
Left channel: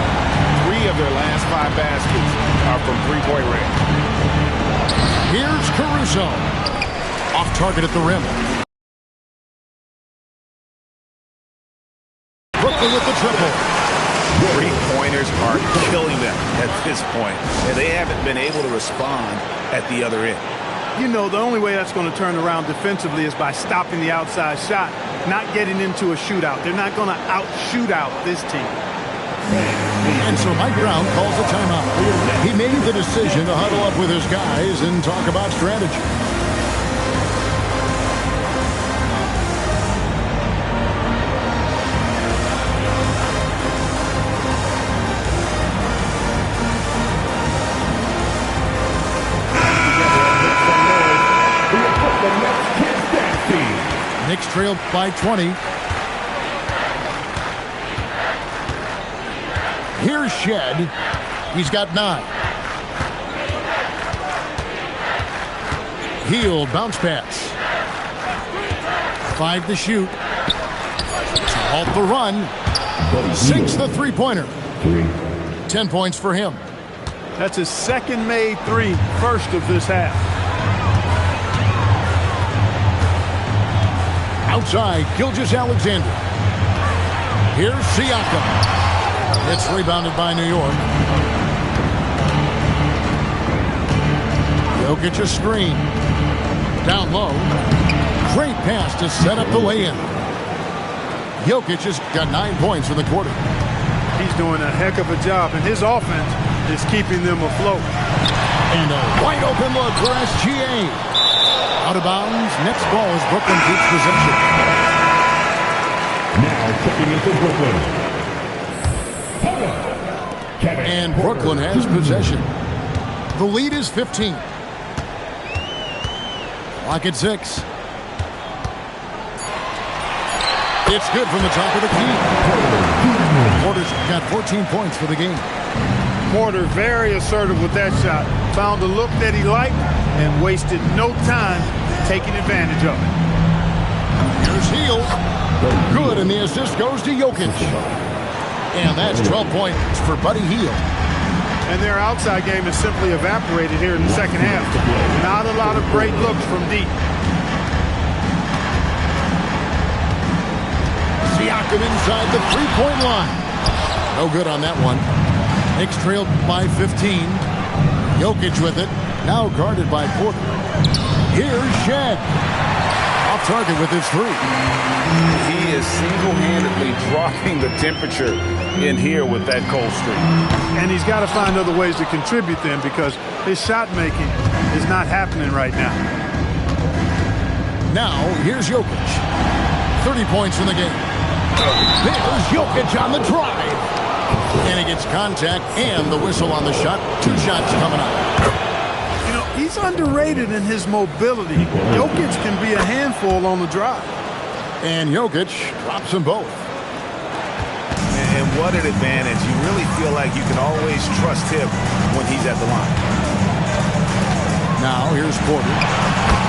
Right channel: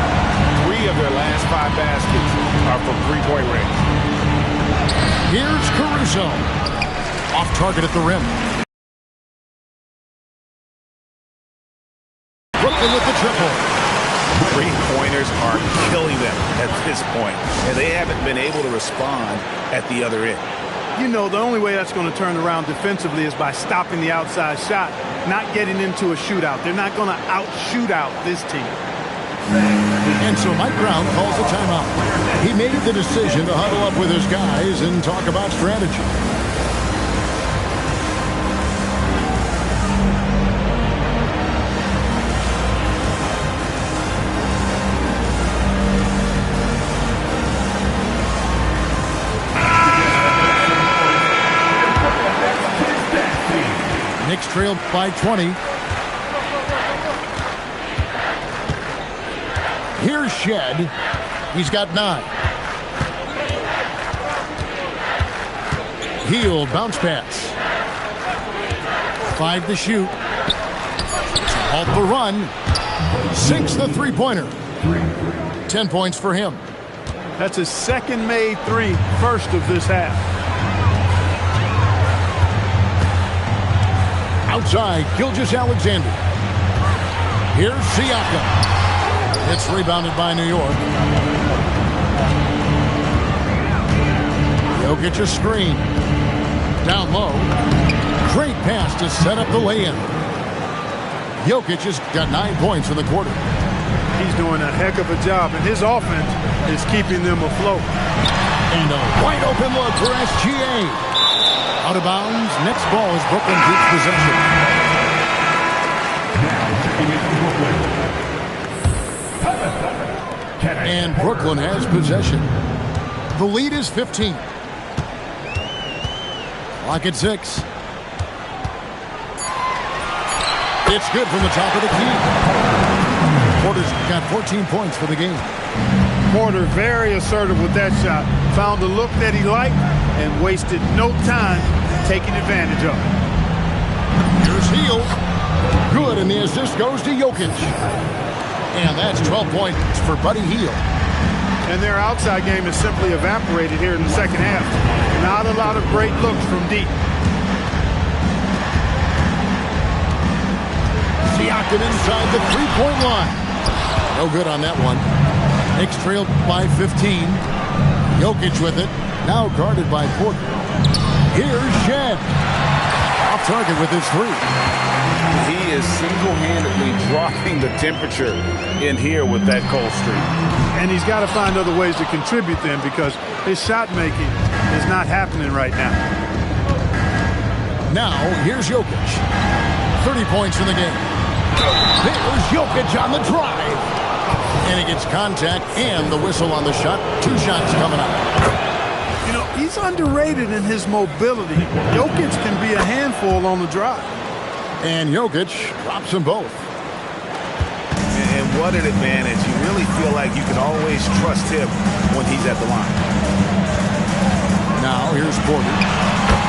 3 of their last 5 baskets are from 3-point range. Here's Caruso. Off target at the rim. Brooklyn with the triple. 3-pointers are killing them at this point, and they haven't been able to respond at the other end. You know, the only way that's going to turn around defensively is by stopping the outside shot, not getting into a shootout. They're not going to out-shootout this team. And so Mike Brown calls a timeout. He made the decision to huddle up with his guys and talk about strategy. Knicks trailed by 20. Here's Shed. He's got 9. Heel bounce pass. 5 to shoot. To halt the run. Sinks the 3-pointer. 10 points for him. That's his second made 3, first of this half. Outside, Gilgeous-Alexander. Here's Siakam. It's rebounded by New York. Jokic a screen. Down low. Great pass to set up the lay-in. Jokic has got 9 points in the quarter. He's doing a heck of a job, and his offense is keeping them afloat. And a wide open look for SGA. Out of bounds. Next ball as Brooklyn keeps possession. Now checking in for Brooklyn. And Brooklyn has possession. The lead is 15. Clock at 6. It's good from the top of the key. Porter's got 14 points for the game. Porter very assertive with that shot. Found a look that he liked and wasted no time taking advantage of it. Here's Hield. Good, and the assist goes to Jokic. And that's 12 points for Buddy Hield. And their outside game has simply evaporated here in the second half. Not a lot of great looks from deep. Siakam inside the 3-point line. No good on that one. Knicks trailed by 15. Jokic with it. Now guarded by Porter. Here's Shed. Off target with his three. He is single-handedly dropping the temperature in here with that cold streak. And he's got to find other ways to contribute then, because his shot making is not happening right now. Now, here's Jokic. 30 points in the game. There's Jokic on the drive. And he gets contact and the whistle on the shot. 2 shots coming up. You know, he's underrated in his mobility. Jokic can be a handful on the drive. And Jokic drops them both. And what an advantage. You really feel like you can always trust him when he's at the line. Now, here's Porter.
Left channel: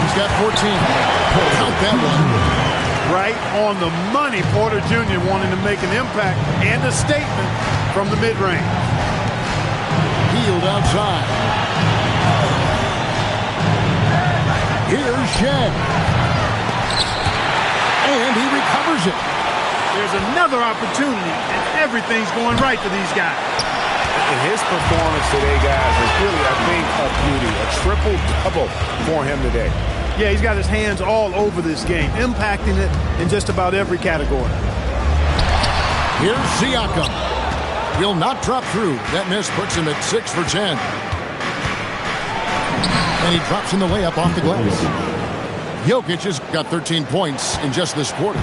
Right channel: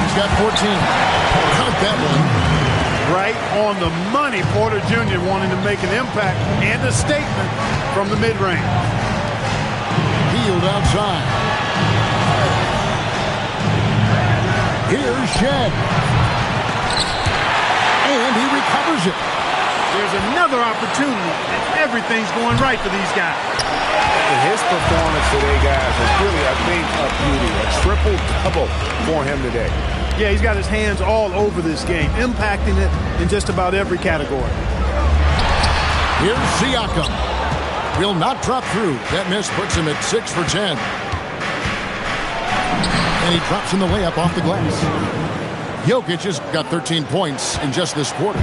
He's got 14. Count that one. Right on the money. Porter Jr. wanting to make an impact and a statement from the mid-range. Healed outside. Here's Shed. And he recovers it. There's another opportunity, and everything's going right for these guys. And his performance today, guys, is really, I think, a beauty. A triple-double for him today. Yeah, he's got his hands all over this game, impacting it in just about every category. Here's Siakam. Will not drop through. That miss puts him at 6 for 10. And he drops in the layup off the glass. Jokic has got 13 points in just this quarter.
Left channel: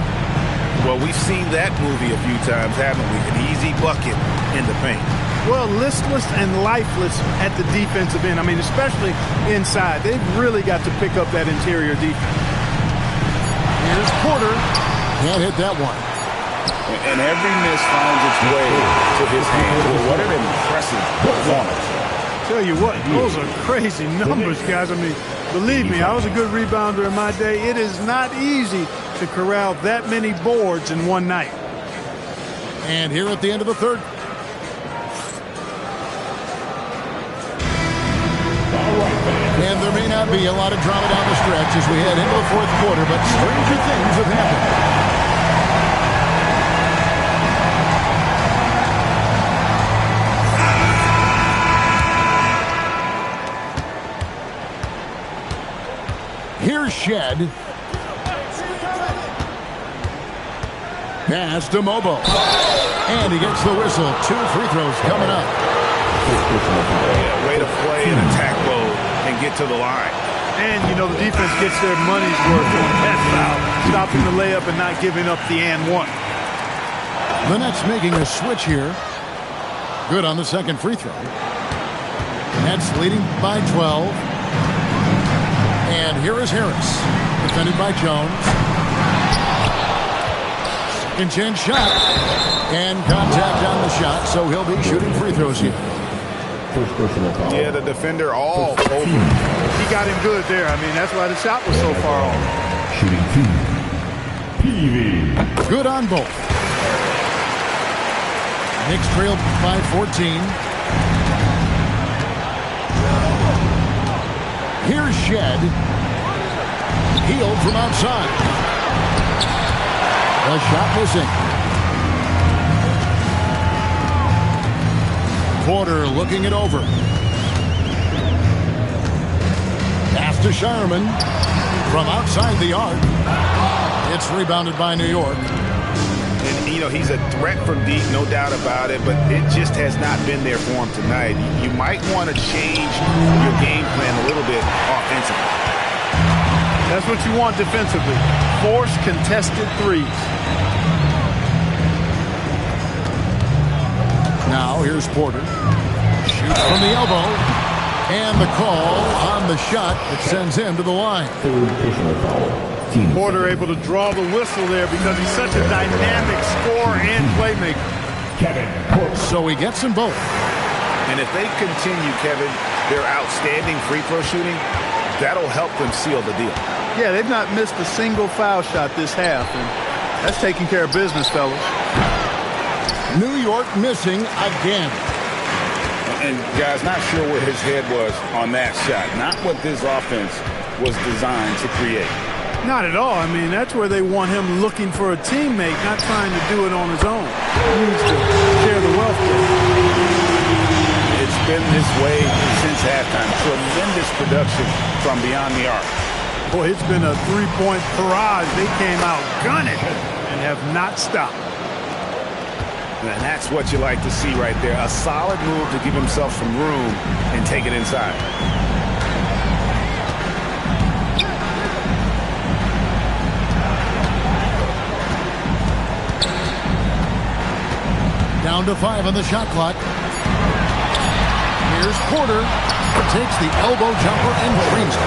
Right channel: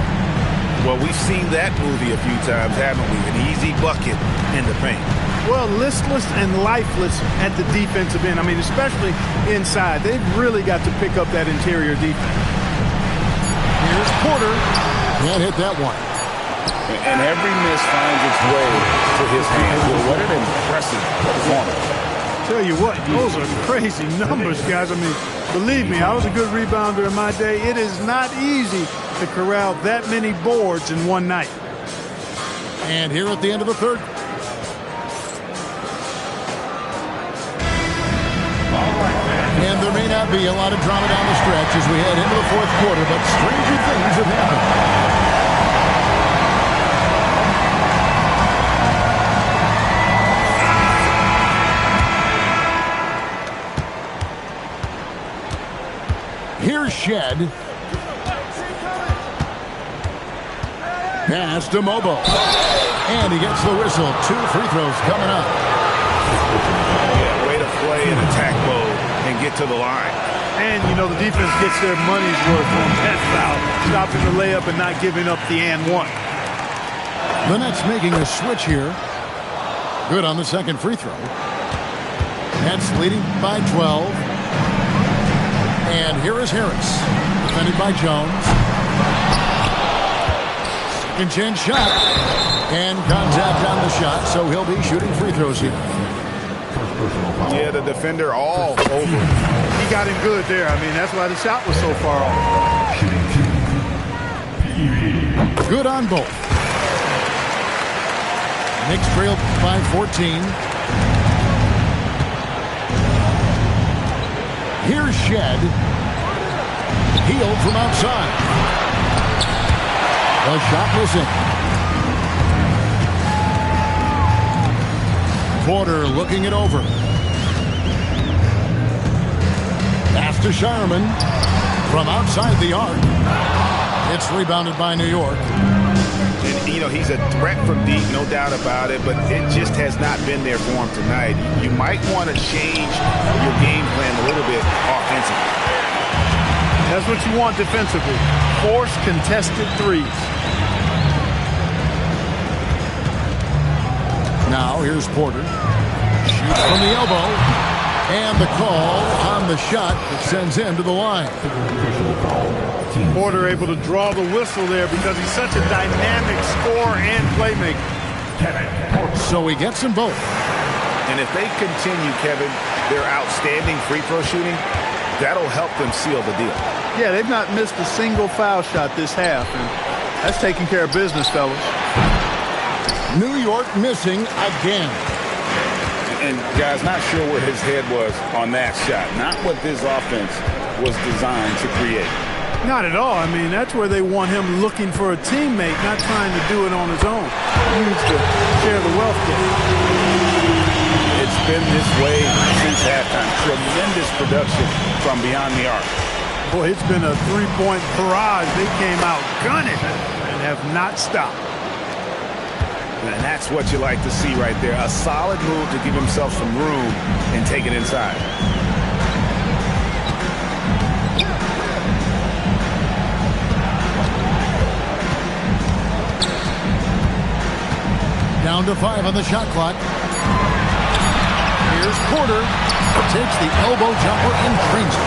Well, we've seen that movie a few times, haven't we? An easy bucket in the paint. Well, listless and lifeless at the defensive end. I mean, especially inside. They've really got to pick up that interior defense. Here's Porter. Can't hit that one. And every miss finds its way to his hands. Well, what an impressive performance. Tell you what, those are crazy numbers, guys. I mean, believe me, I was a good rebounder in my day. It is not easy to corral that many boards in one night. And here at the end of the third. And there may not be a lot of drama down the stretch as we head into the fourth quarter, but stranger things have happened. Here's Shed. Pass to Mobo. And he gets the whistle. 2 free throws coming up. Yeah, way to play in attack mode and get to the line. And, you know, the defense gets their money's worth on that foul, stopping the layup and not giving up the and one. The Nets making a switch here. Good on the second free throw. Nets leading by 12. And here is Harris, defended by Jones. Second chance shot. And contact on the shot, so he'll be shooting free throws here. Yeah, the defender all over him. He got him good there. I mean, that's why the shot was so far off. Shooting 2. PV. Good on both. Knicks trailed by 14. Here's Shed. Healed from outside. The shot missing. Porter looking it over. Pass to Shireman from outside the arc. It's rebounded by New York. And, you know, he's a threat from deep, no doubt about it, but it just has not been there for him tonight. You might want to change your game plan a little bit offensively. That's what you want defensively. Force contested threes. Now here's Porter. Shoots from the elbow. And the call on the shot that sends him to the line. Third personal foul. Porter able to draw the whistle there because he's such a dynamic scorer and playmaker. Kevin Porter. So he gets them both. And if they continue, Kevin, their outstanding free throw shooting, that'll help them seal the deal. Yeah, they've not missed a single foul shot this half, and that's taking care of business, fellas. New York missing again. And guys, not sure where his head was on that shot. Not what this offense was designed to create. Not at all. I mean, that's where they want him looking for a teammate, not trying to do it on his own. He needs to share the wealth there. It's been this way since halftime. Tremendous production from beyond the arc. Boy, it's been a three-point barrage. They came out gunning and have not stopped. And that's what you like to see right there. A solid move to give himself some room and take it inside. Down to 5 on the shot clock. Here's Porter. Takes the elbow jumper and drains it.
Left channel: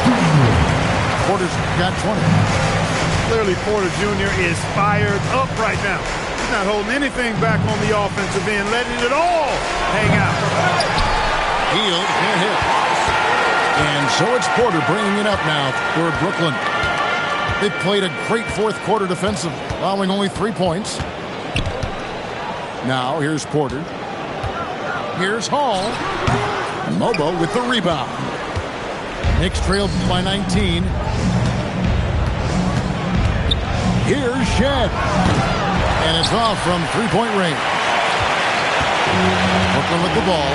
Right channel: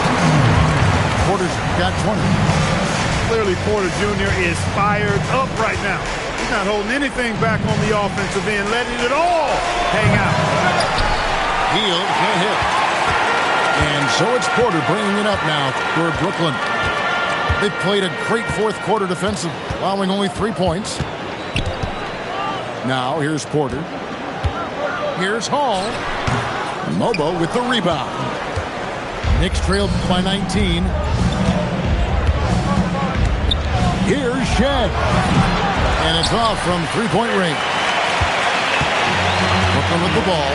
Porter's got 20. Clearly, Porter Jr. is fired up right now. He's not holding anything back on the offensive end, letting it all hang out. Hield can't hit. And so it's Porter bringing it up now for Brooklyn. They played a great fourth quarter defensive, allowing only 3 points. Now here's Porter. Here's Hall. Mobo with the rebound. Knicks trailed by 19. Here's Shed. And it's off from three-point range. Brooklyn with the ball.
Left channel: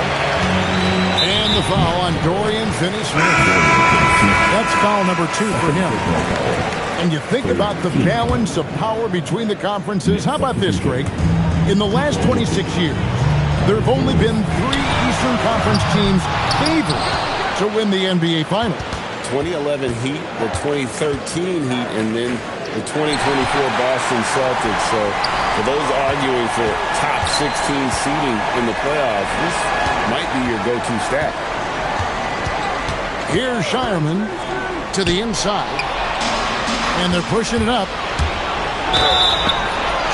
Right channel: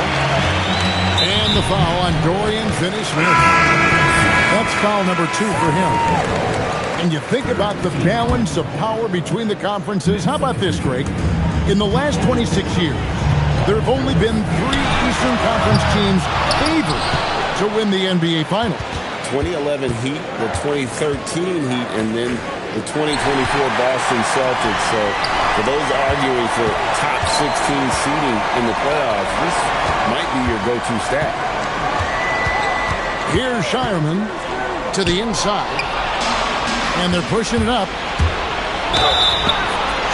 And the foul on Dorian Finney-Smith. That's foul number 2 for him. And you think about the balance of power between the conferences. How about this, Greg? In the last 26 years, there have only been 3 Eastern Conference teams favored to win the NBA Finals. 2011 Heat, the 2013 Heat, and then the 2024 Boston Celtics. So for those arguing for top 16 seeding in the playoffs, this might be your go-to stat. Here's Shireman to the inside. And they're pushing it up.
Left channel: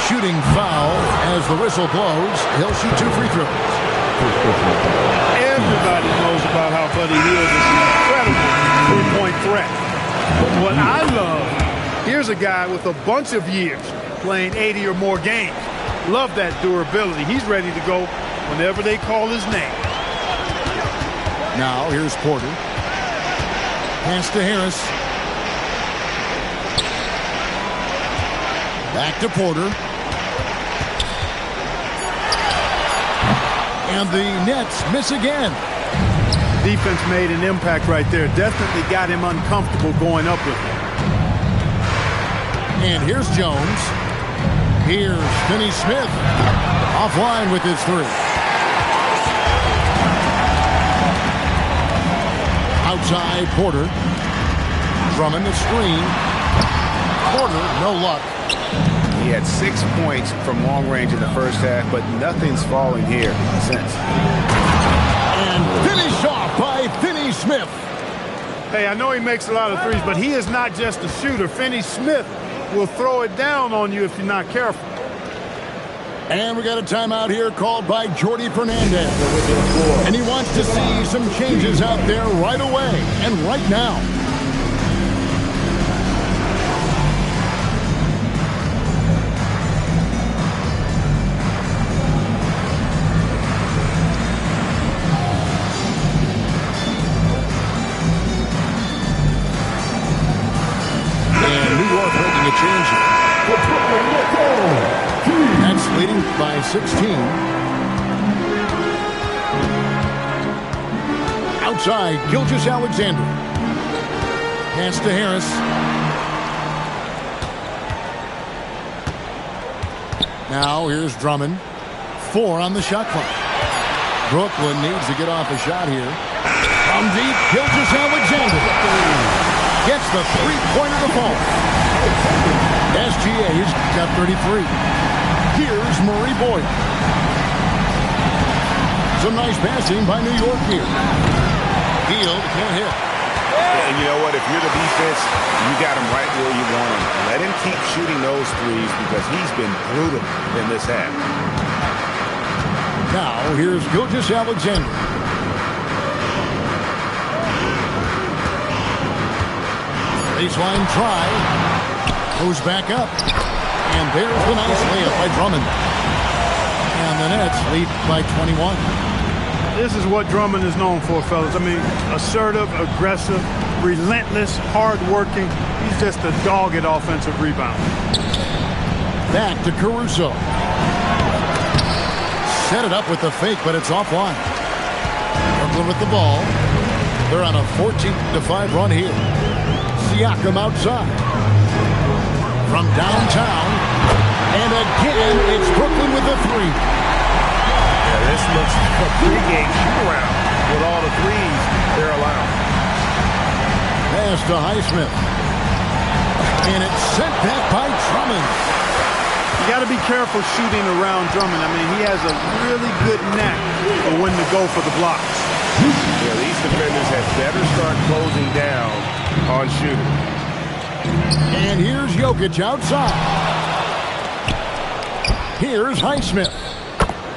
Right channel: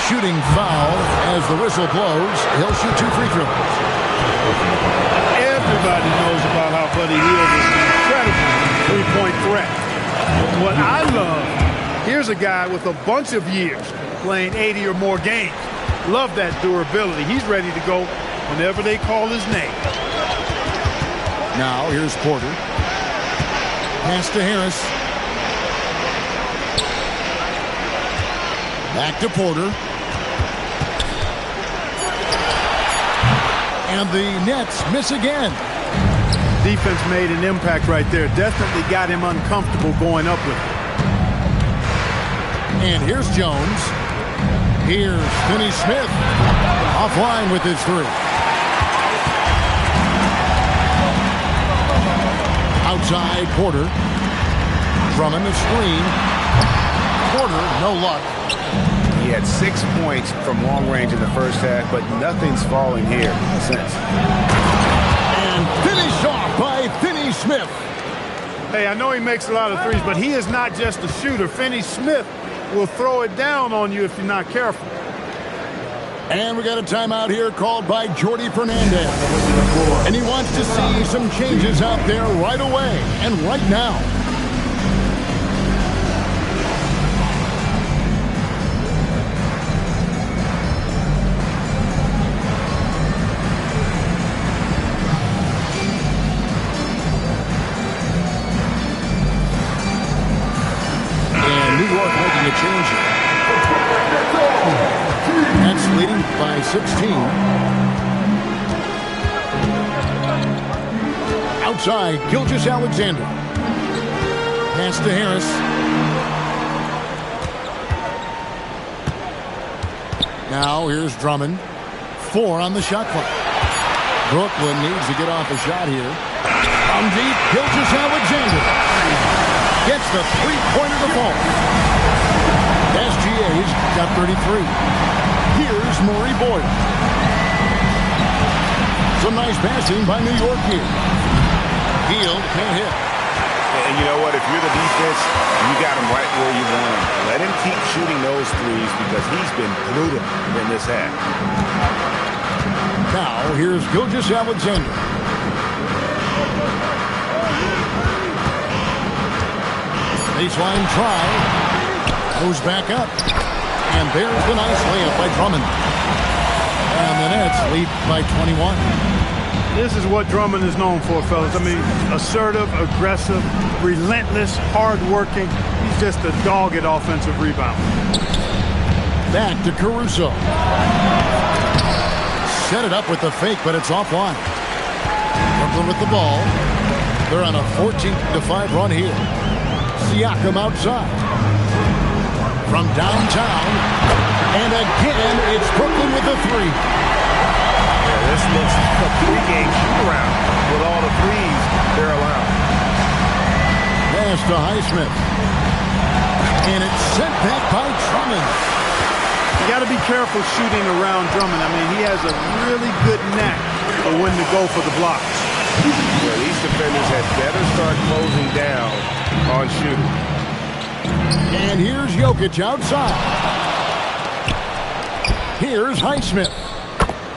Shooting foul as the whistle blows. He'll shoot 2 free throws. Everybody knows about how Buddy Hield is an incredible three-point threat. But what I love, here's a guy with a bunch of years playing 80 or more games. Love that durability. He's ready to go whenever they call his name. Now here's Porter. Pass to Harris. Back to Porter. And the Nets miss again. Defense made an impact right there. Definitely got him uncomfortable going up with it. And here's Jones. Here's Finney-Smith. Offline with his 3. Outside Porter. Drummond the screen. Porter, no luck. He had 6 points from long range in the first half, but nothing's falling here since. And finished off by Finney-Smith. Hey, I know he makes a lot of threes, but he is not just a shooter. Finney-Smith will throw it down on you if you're not careful. And we got a timeout here called by Jordi Fernandez. And he wants to see some changes out there right away and right now. New York making a change here. Nets leading by 16. Outside, Gilgeous-Alexander. Pass to Harris. Now here's Drummond. 4 on the shot clock. Brooklyn needs to get off a shot here. From deep, Gilgeous-Alexander gets the three-pointer to fall. SGA's got 33. Here's Murray Boyd. Some nice passing by New York here. Hield can't hit. And you know what? If you're the defense, you got him right where you want him. Let him keep shooting those threes because he's been brutal in this half. Now here's Gilgeous-Alexander. Baseline try. Goes back up. And there's the nice layup by Drummond. And the Nets lead by 21. This is what Drummond is known for, fellas. I mean, assertive, aggressive, relentless, hard-working. He's just a dog at offensive rebound. Back to Caruso. Set it up with the fake, but it's offline. Brooklyn with the ball. They're on a 14-5 run here. Siakam outside. From downtown. And again, it's Brooklyn with the three. Yeah, this looks like a pregame shoot-around with all the threes they're allowing. Pass to Highsmith. And it's sent back by Drummond. You got to be careful shooting around Drummond. I mean, he has a really good knack for when to go for the blocks. Yeah, these defenders had better start closing down on shooting. And here's Jokic outside. Here's Highsmith.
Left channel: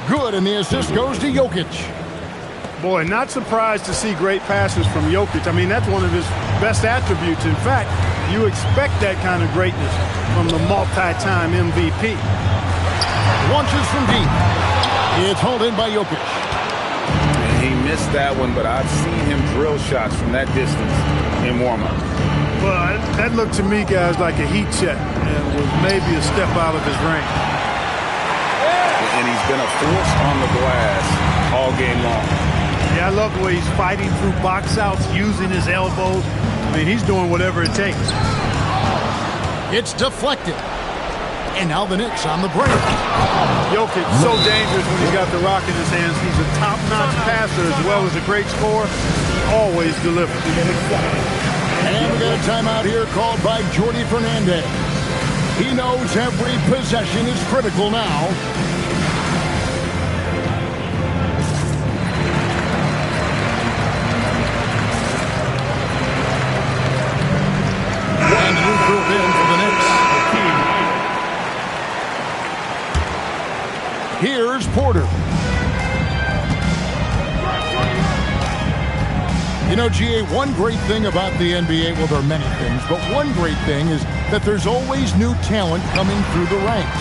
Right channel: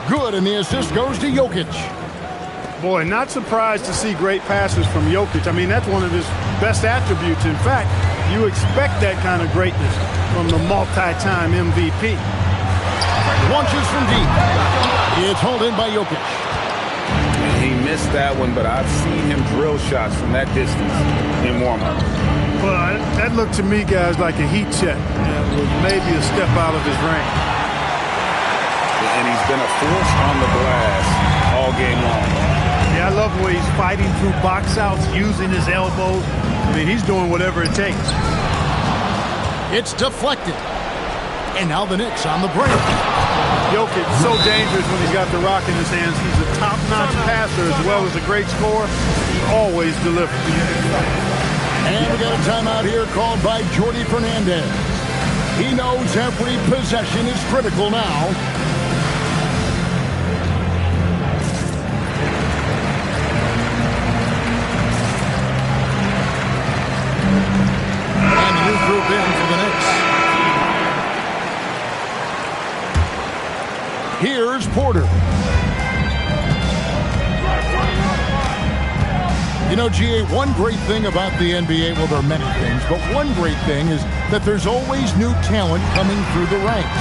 Good, and the assist goes to Jokic. Boy, not surprised to see great passes from Jokic. I mean, that's one of his best attributes. In fact, you expect that kind of greatness from the multi-time MVP. Launches from deep. It's hauled in by Jokic. And he missed that one, but I've seen him drill shots from that distance in warm-up. Well, that looked to me, guys, like a heat check and was maybe a step out of his range. And he's been a force on the glass all game long. Yeah, I love the way he's fighting through box outs, using his elbows. I mean, he's doing whatever it takes. It's deflected. And now the Knicks on the break. Jokic, so dangerous when he's got the rock in his hands. He's a top-notch passer as well as a great scorer. He always delivers. And we got a timeout here called by Jordi Fernandez. He knows every possession is critical now. And the new group in for the Knicks. Here's Porter. You know, GA, one great thing about the NBA, well, there are many things, but one great thing is that there's always new talent coming through the ranks.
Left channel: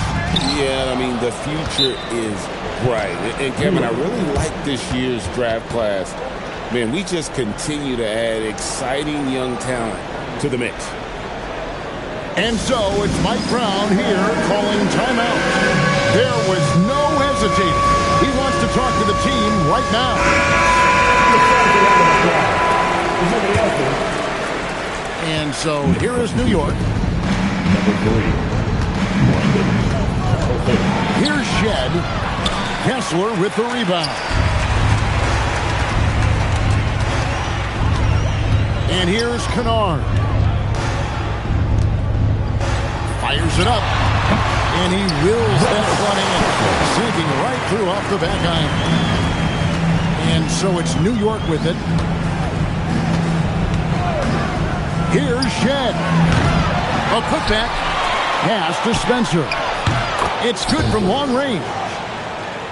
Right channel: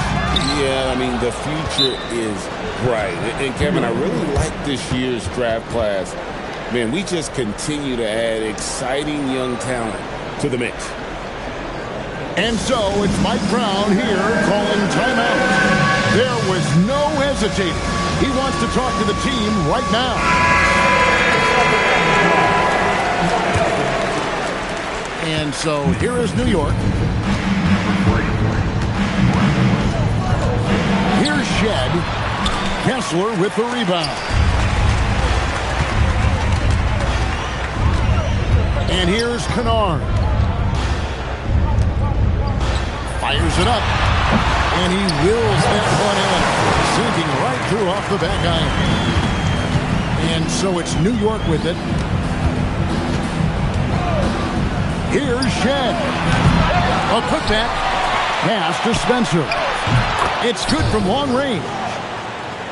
Yeah, I mean, the future is bright. And, Kevin, I really like this year's draft class. Man, we just continue to add exciting young talent to the mix. And so it's Mike Brown here calling timeout. There was no hesitating. He wants to talk to the team right now. And so here is New York. Number 3. Here's Shed. Kessler with the rebound. And here's Kennard. Fires it up. And he wills that one in. Sinking right through off the back iron. And so it's New York with it. Here's Shed. A putback. Pass to Spencer. It's good from long range.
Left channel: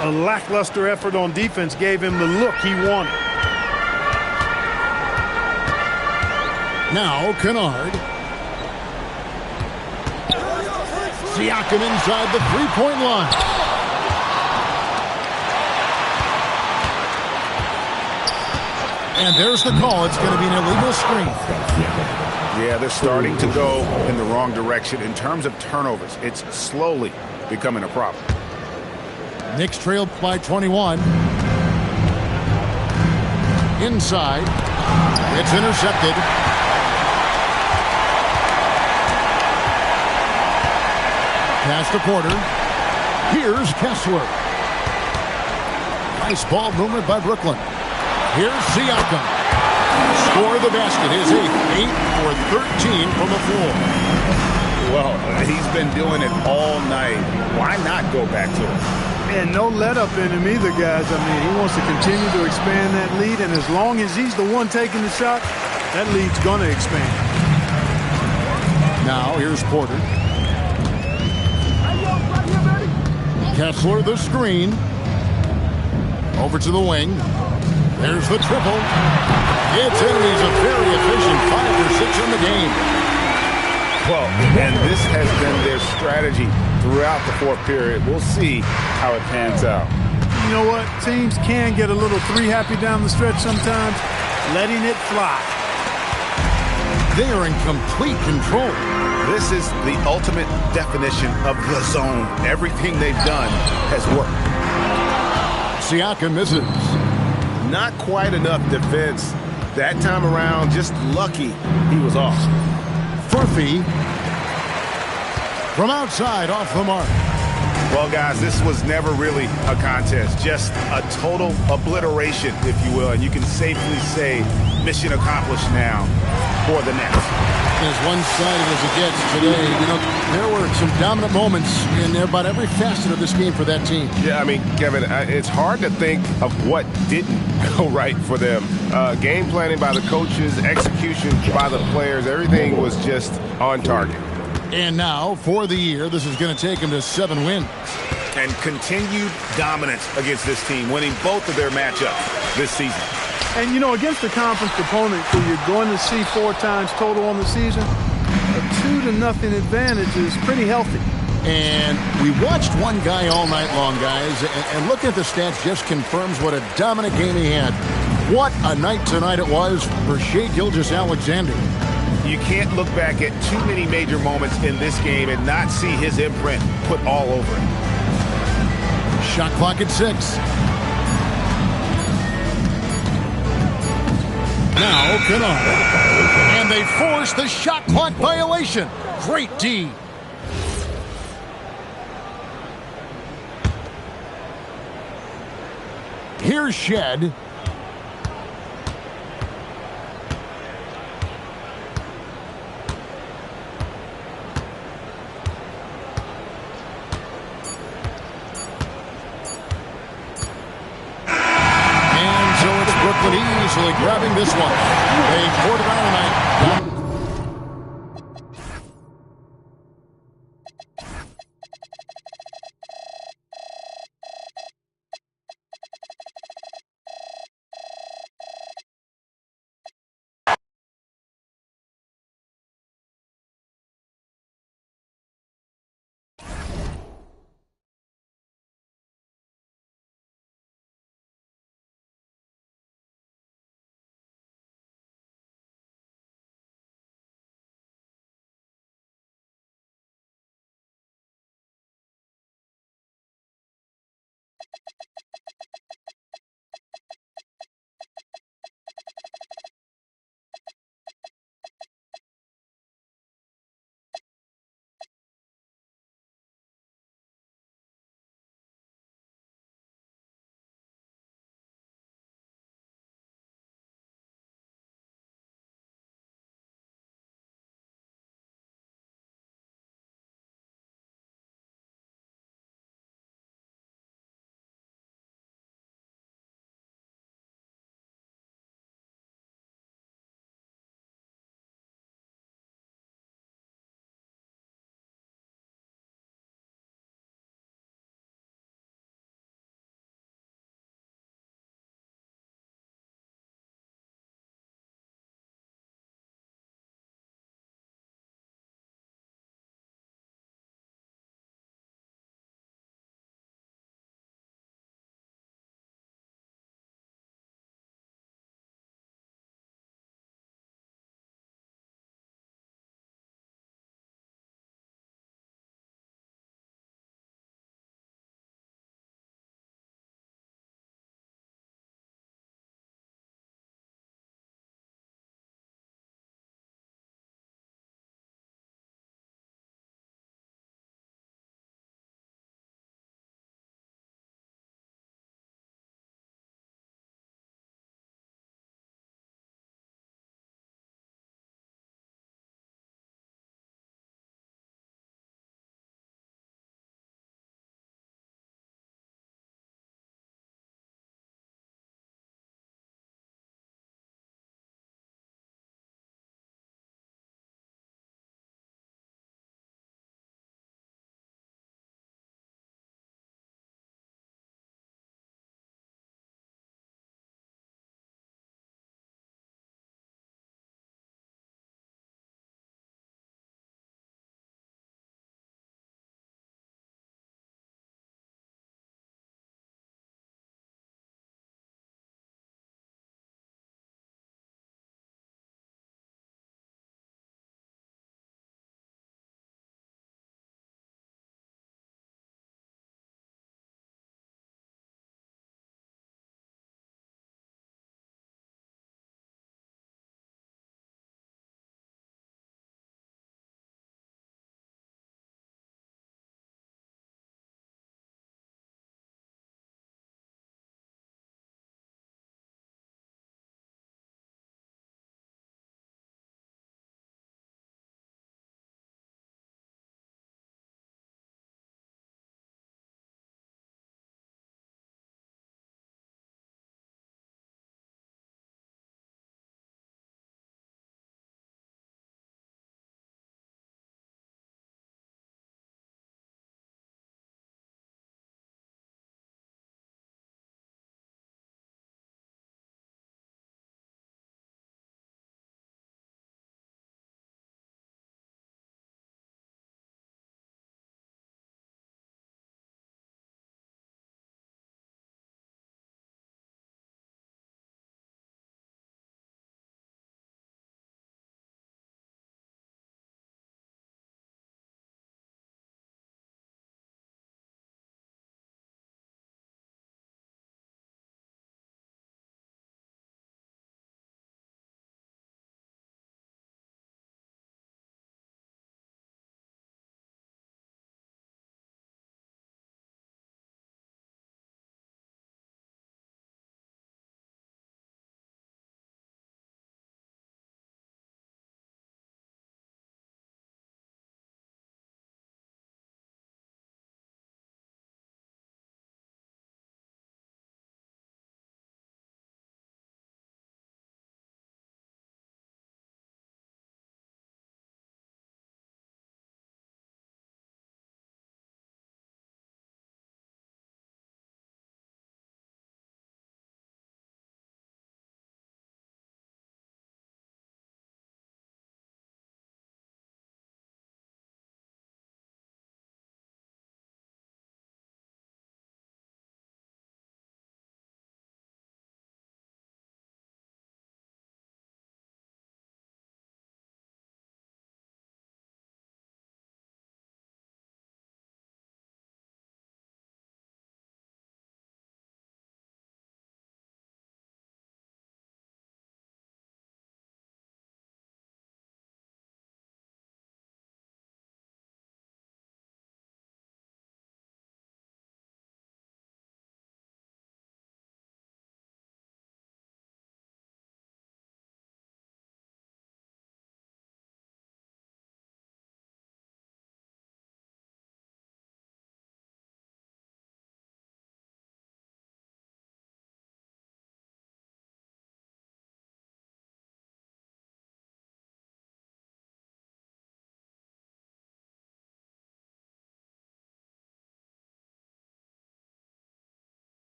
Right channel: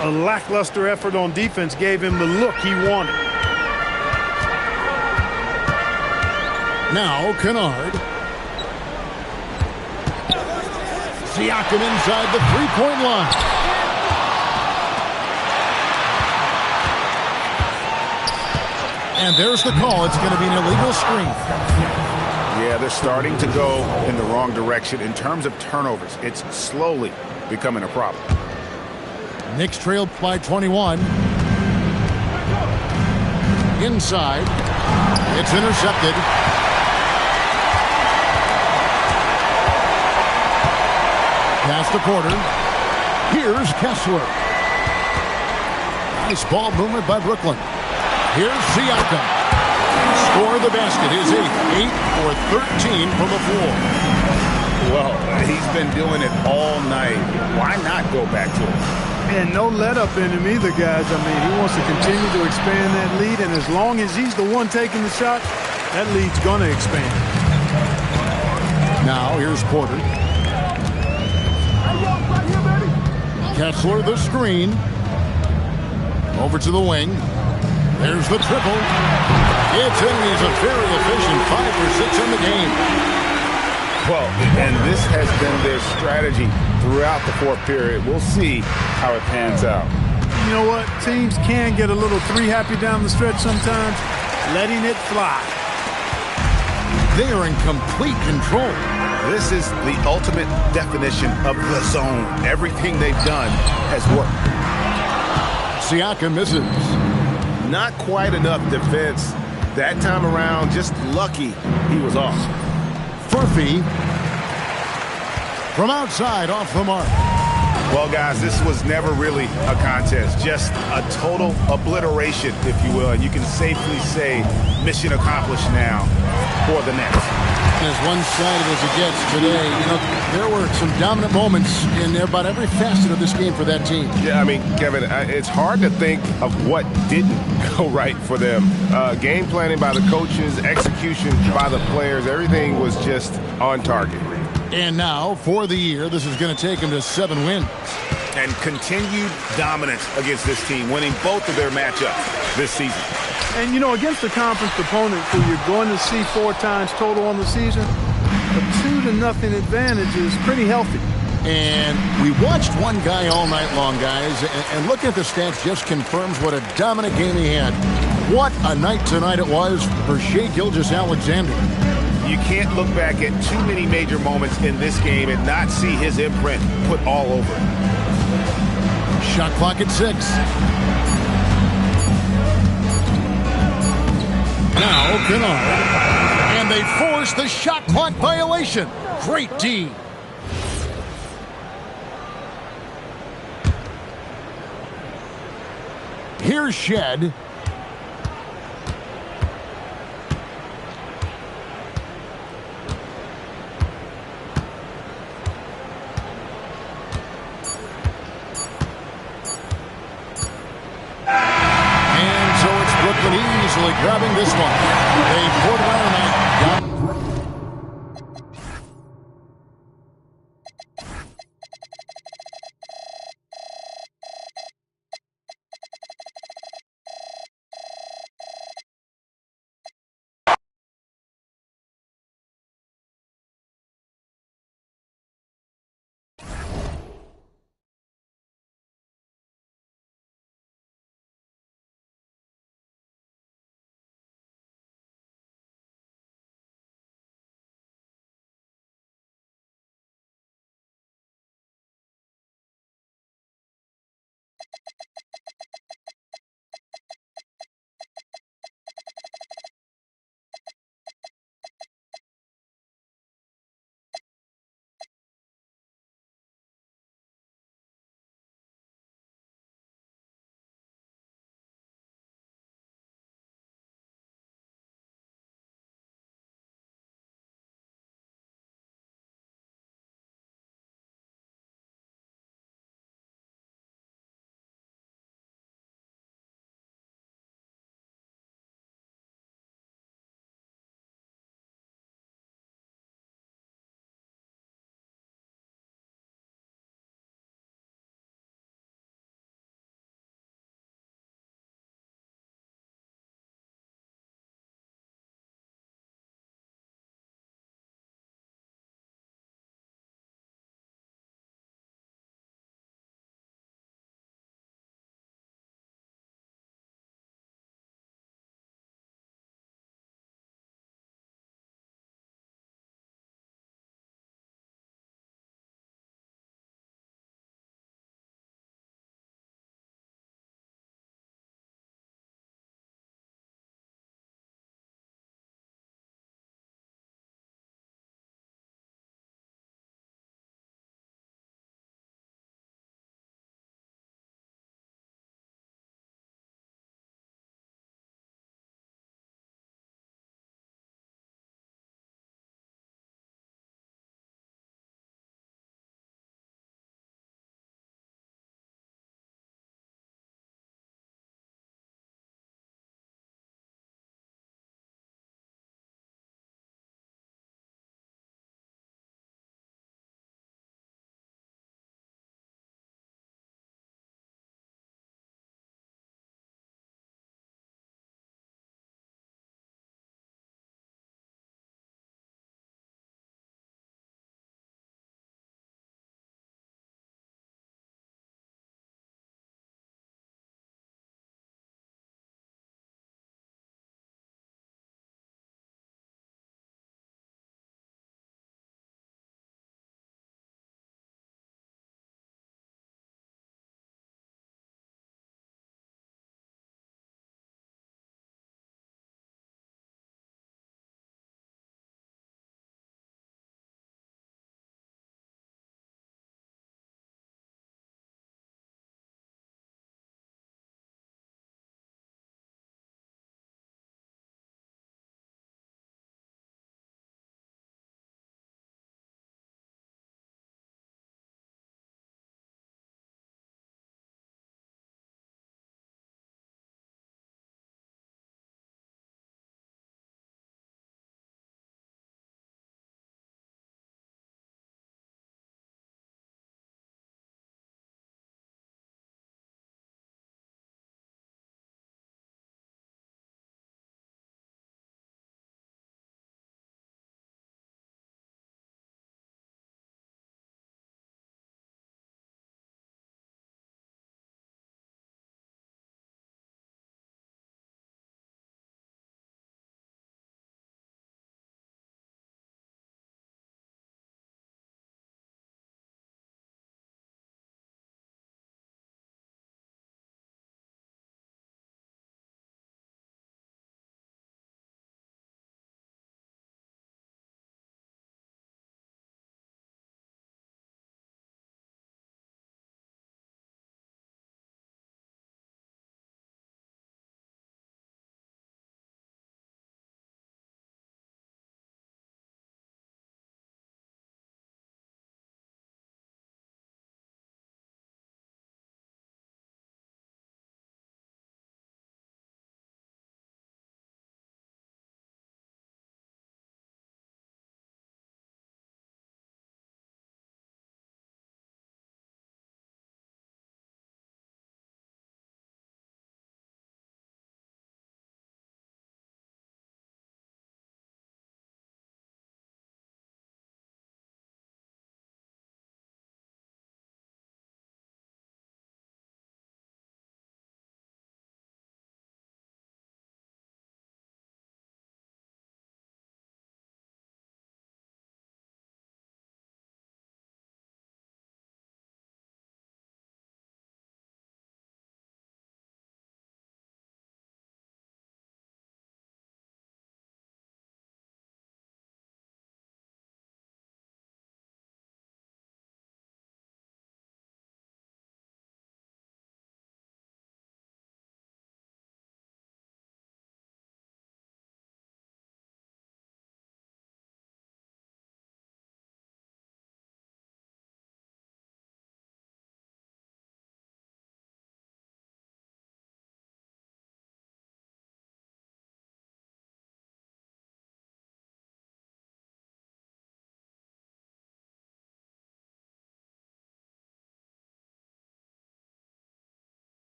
A lackluster effort on defense gave him the look he wanted. Now Kennard. Siakam inside the three-point line. And there's the call. It's going to be an illegal screen. Yeah, they're starting to go in the wrong direction in terms of turnovers. It's slowly becoming a problem. Knicks trailed by 21. Inside. It's intercepted. Pass to Porter. Here's Kessler. Nice ball movement by Brooklyn. Here's Siakam. Score the basket. His 8 for 13 from the floor. Well, he's been doing it all night. Why not go back to it? And no let up in him either, guys. I mean, he wants to continue to expand that lead, and as long as he's the one taking the shot, that lead's going to expand. Now here's Porter. Kessler the screen. Over to the wing. There's the triple. It's in. He's a very efficient 5 for 6 in the game. Well, and this has been their strategy throughout the fourth period. We'll see how it pans out. You know what? Teams can get a little three happy down the stretch sometimes, letting it fly. They are in complete control. This is the ultimate definition of the zone. Everything they've done has worked. Siakam misses. Not quite enough defense that time around. Just lucky he was off. Furphy from outside, off the mark. Well, guys, this was never really a contest. Just a total obliteration, if you will. And you can safely say mission accomplished now for the Nets. As one-sided as it gets today, you know, there were some dominant moments in about every facet of this game for that team. Yeah, I mean, Kevin, it's hard to think of what didn't go right for them. Game planning by the coaches, execution by the players, everything was just on target. And now, for the year, this is going to take them to 7 wins. And continued dominance against this team, winning both of their matchups this season. And, you know, against a conference opponent who you're going to see 4 times total on the season, a 2-0 advantage is pretty healthy. And we watched one guy all night long, guys, and looking at the stats just confirms what a dominant game he had. What a night tonight it was for Shai Gilgeous-Alexander. You can't look back at too many major moments in this game and not see his imprint put all over it. Shot clock at 6. Now Kennard, and they force the shot clock violation. Great D. Here's Shed. Brooklyn easily grabbing this one. They poured it on tonight.